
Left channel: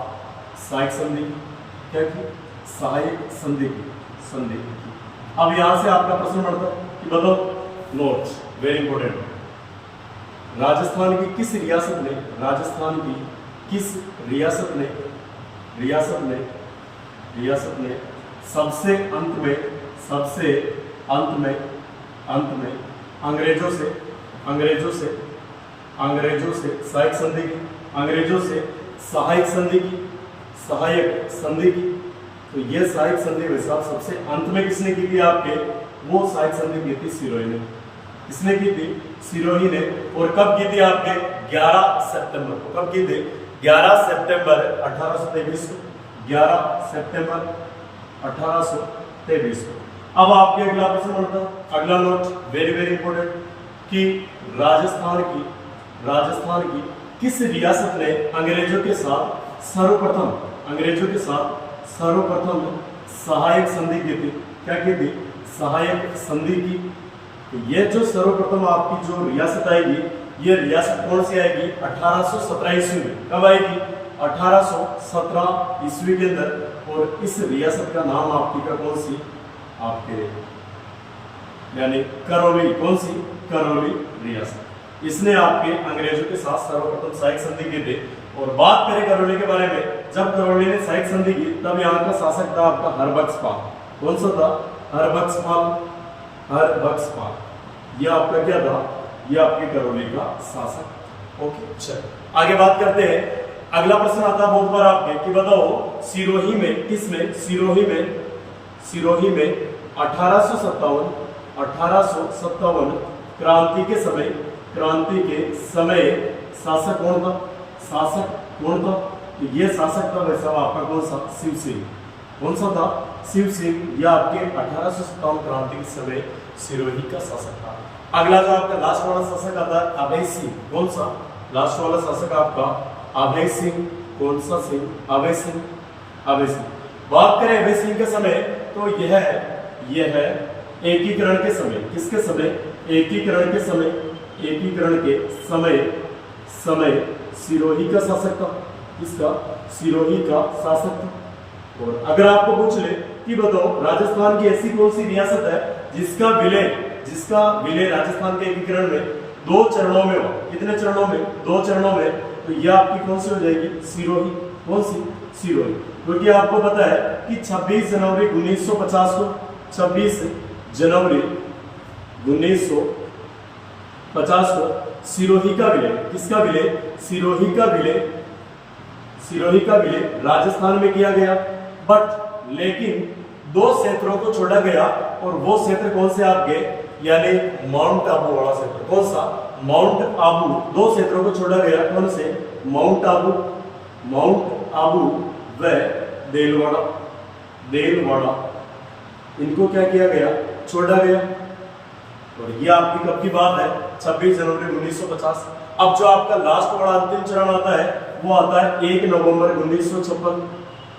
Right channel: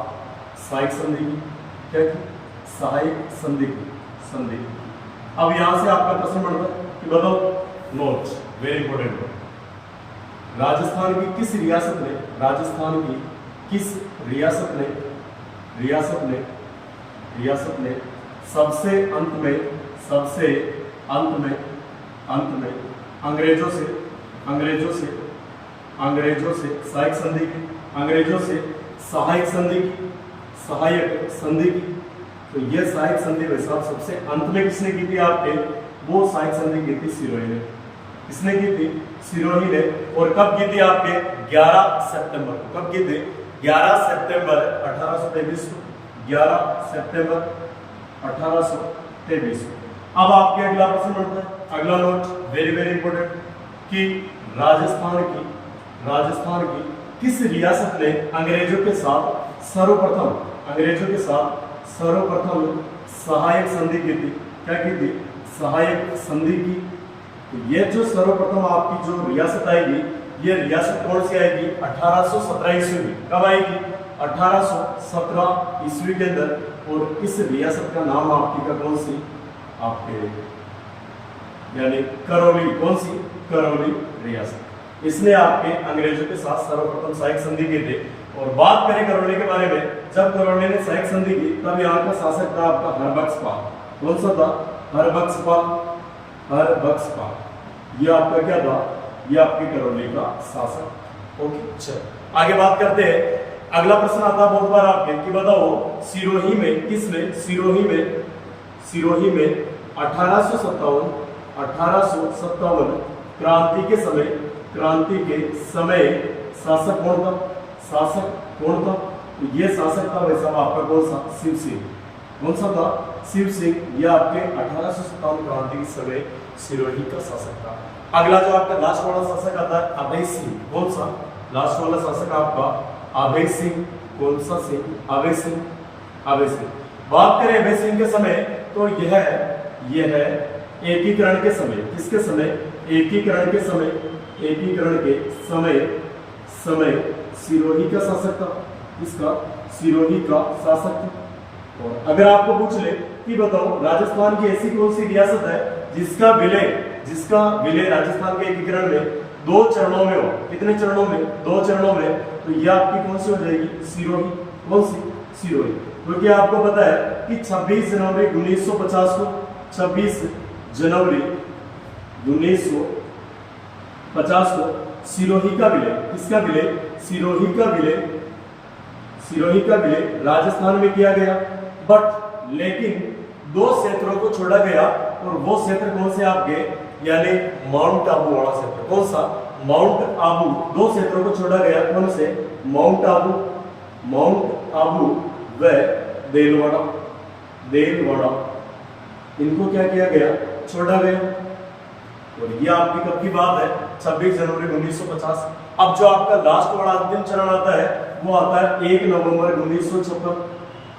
सहायक संधि की। क्या की? सहायक संधि की। अब यहां से आपका प्रश्न बनता है कि बताओ, नोट वेरी इंपॉर्टेंट है, राजस्थान की किस रियासत ने सबसे अंत में अंग्रेजों से सहायक संधि की। तो ये सहायक संधि वैसा सबसे अंत में किसने की थी आपके? वो सहायक संधि की थी सिरोही ने। किसने की थी? सिरोही ने। और कब की थी आपके? 11 सितंबर को। कब की थी? 11 सितंबर 1823 को। 11 सितंबर 1823 को। अब आपके अगला प्रश्न बनता है, अगला नोट वेरी वेरी इंपॉर्टेंट, कि राजस्थान की किस रियासत ने अंग्रेजों के साथ सर्वप्रथम सहायक संधि की थी? क्या की थी? सहायक संधि की। तो ये जो सर्वप्रथम आपकी जो रियासत आएगी, ये रियासत कौन सी आएगी? 1817 ईस्वी में। कब आएगी? 1817 ईस्वी के अंदर। और इस रियासत का नाम आपकी का कौन सी? आपके यानी करौली। कौन सी? करौली रियासत। इसने आपके अंग्रेजों के साथ सर्वप्रथम सहायक संधि की थी। और बात करें करौली के बारे में, जब करौली ने सहायक संधि की तब यहाँ का शासक था आपका हरबख्शपाल। कौन सा था? हरबख्शपाल। ये आपका क्या था? ये आपके करौली का शासक। ओके, चलो आगे बात करते हैं। अगला प्रश्न आता है बहुत बार आपके कि बताओ, सिरोही में 1857 क्रांति के समय शासक कौन था? तो ये शासक था भाई साहब आपका कौन सा? शिव सिंह। कौन सा था? शिव सिंह। यह आपके 1857 क्रांति के समय सिरोही का शासक था। अगला जो आपका लास्ट वाला शासक आता है अभय सिंह। कौन सा? लास्ट वाला शासक आपका अभय सिंह। कौन सा सिंह? अभय सिंह। बात करें अभय सिंह के समय तो यह है एकीकरण के समय। किसके समय? एकीकरण के समय सिरोही का शासक था। किसका? सिरोही का शासक था। और अगर आपको पूछ ले कि बताओ राजस्थान की ऐसी कौन सी रियासत है जिसका विलय राजस्थान के एकीकरण में 2 चरणों में हो? कितने चरणों में? 2 चरणों में। तो यह आपकी कौन सी हो जाएगी? सिरोही। कौन सी? सिरोही। क्योंकि आपको पता है कि 26 जनवरी 1950 को 26 जनवरी 1950 को सिरोही का विलय। किसका विलय? सिरोही का विलय राजस्थान में किया गया। बट लेकिन 2 क्षेत्रों को छोड़ा गया। और वो क्षेत्र कौन से आपके? यानी माउंट आबू वाला क्षेत्र। कौन सा? माउंट आबू। 2 क्षेत्रों को छोड़ा गया। कौन से? माउंट आबू व देलवाड़ा इनको क्या किया गया, छोड़ा गया। और ये आपकी कब की बात है, 26 जनवरी 1950। अब जो आपका लास्ट वाला अंतिम चरण आता है वो आता है 1 नवंबर 1956।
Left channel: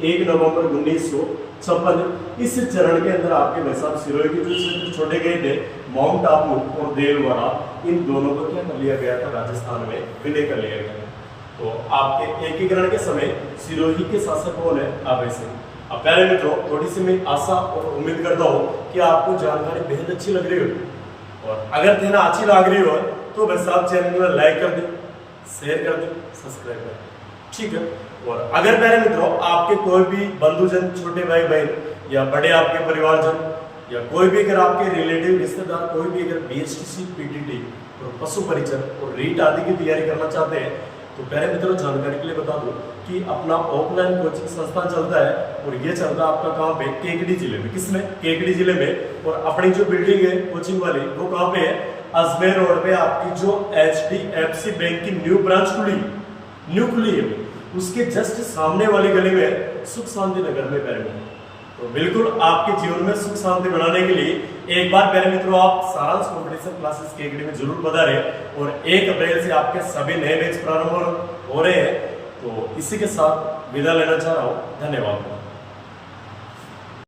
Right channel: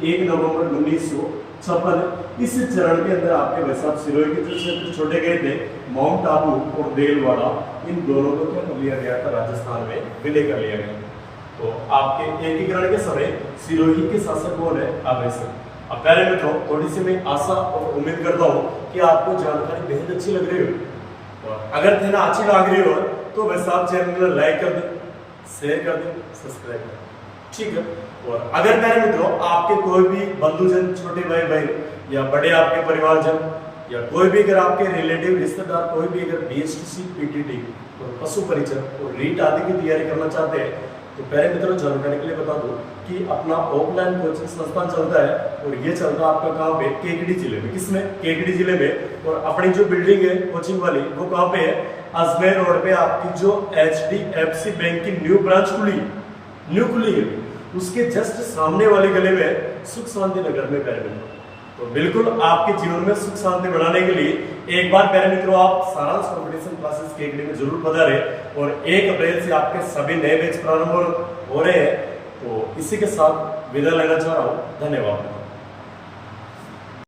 1 नवंबर 1956। इस चरण के अंदर आपके भाई साहब सिरोही के जो क्षेत्र छोड़े गए थे, माउंट आबू और देलवाड़ा, इन दोनों को क्या कर लिया गया था, राजस्थान में विलय कर लिया गया। तो आपके एकीकरण के समय सिरोही के शासक कौन है, अभय सिंह। अब प्यारे मित्रों, थोड़ी सी मैं आशा और उम्मीद करता हूँ कि आपको जानकारी बेहद अच्छी लग रही हो, और अगर देना अच्छी लग रही हो तो बस आप चैनल को लाइक कर दें, शेयर कर दें, सब्सक्राइब कर दें, ठीक है। और अगर मेरे मित्रों आपके कोई भी बंधुजन, छोटे भाई बहन या बड़े आपके परिवारजन, या कोई भी अगर आपके रिलेटिव रिश्तेदार कोई भी अगर बीएसटीसी, पीटीटी और पशु परिचय और रीट आदि की तैयारी करना चाहते हैं, तो पहले मित्रों जानकारी के लिए बता दूं कि अपना ऑफलाइन कोचिंग संस्थान चलता है, और ये चलता है आपका कहाँ पे, केकड़ी जिले में। किसमें, केकड़ी जिले में। और अपनी जो बिल्डिंग है कोचिंग वाली, वो कहाँ पे है, अजमेर रोड पे आपकी जो HDFC बैंक की न्यू खुली है, उसके जस्ट सामने वाली गली में सुख शांति नगर में प्यारे मित्रों। तो बिल्कुल आपके जीवन में सुख शांति बनाने के लिए एक बार प्यारे मित्रों आप सारांश कंपटीशन क्लासेस केकड़ी में जरूर पधारें। और 1 अप्रैल से आपके सभी नए बैच प्रारंभ हो रहे हैं। तो इसी के साथ विदा लेना चाह रहा हूँ, धन्यवाद।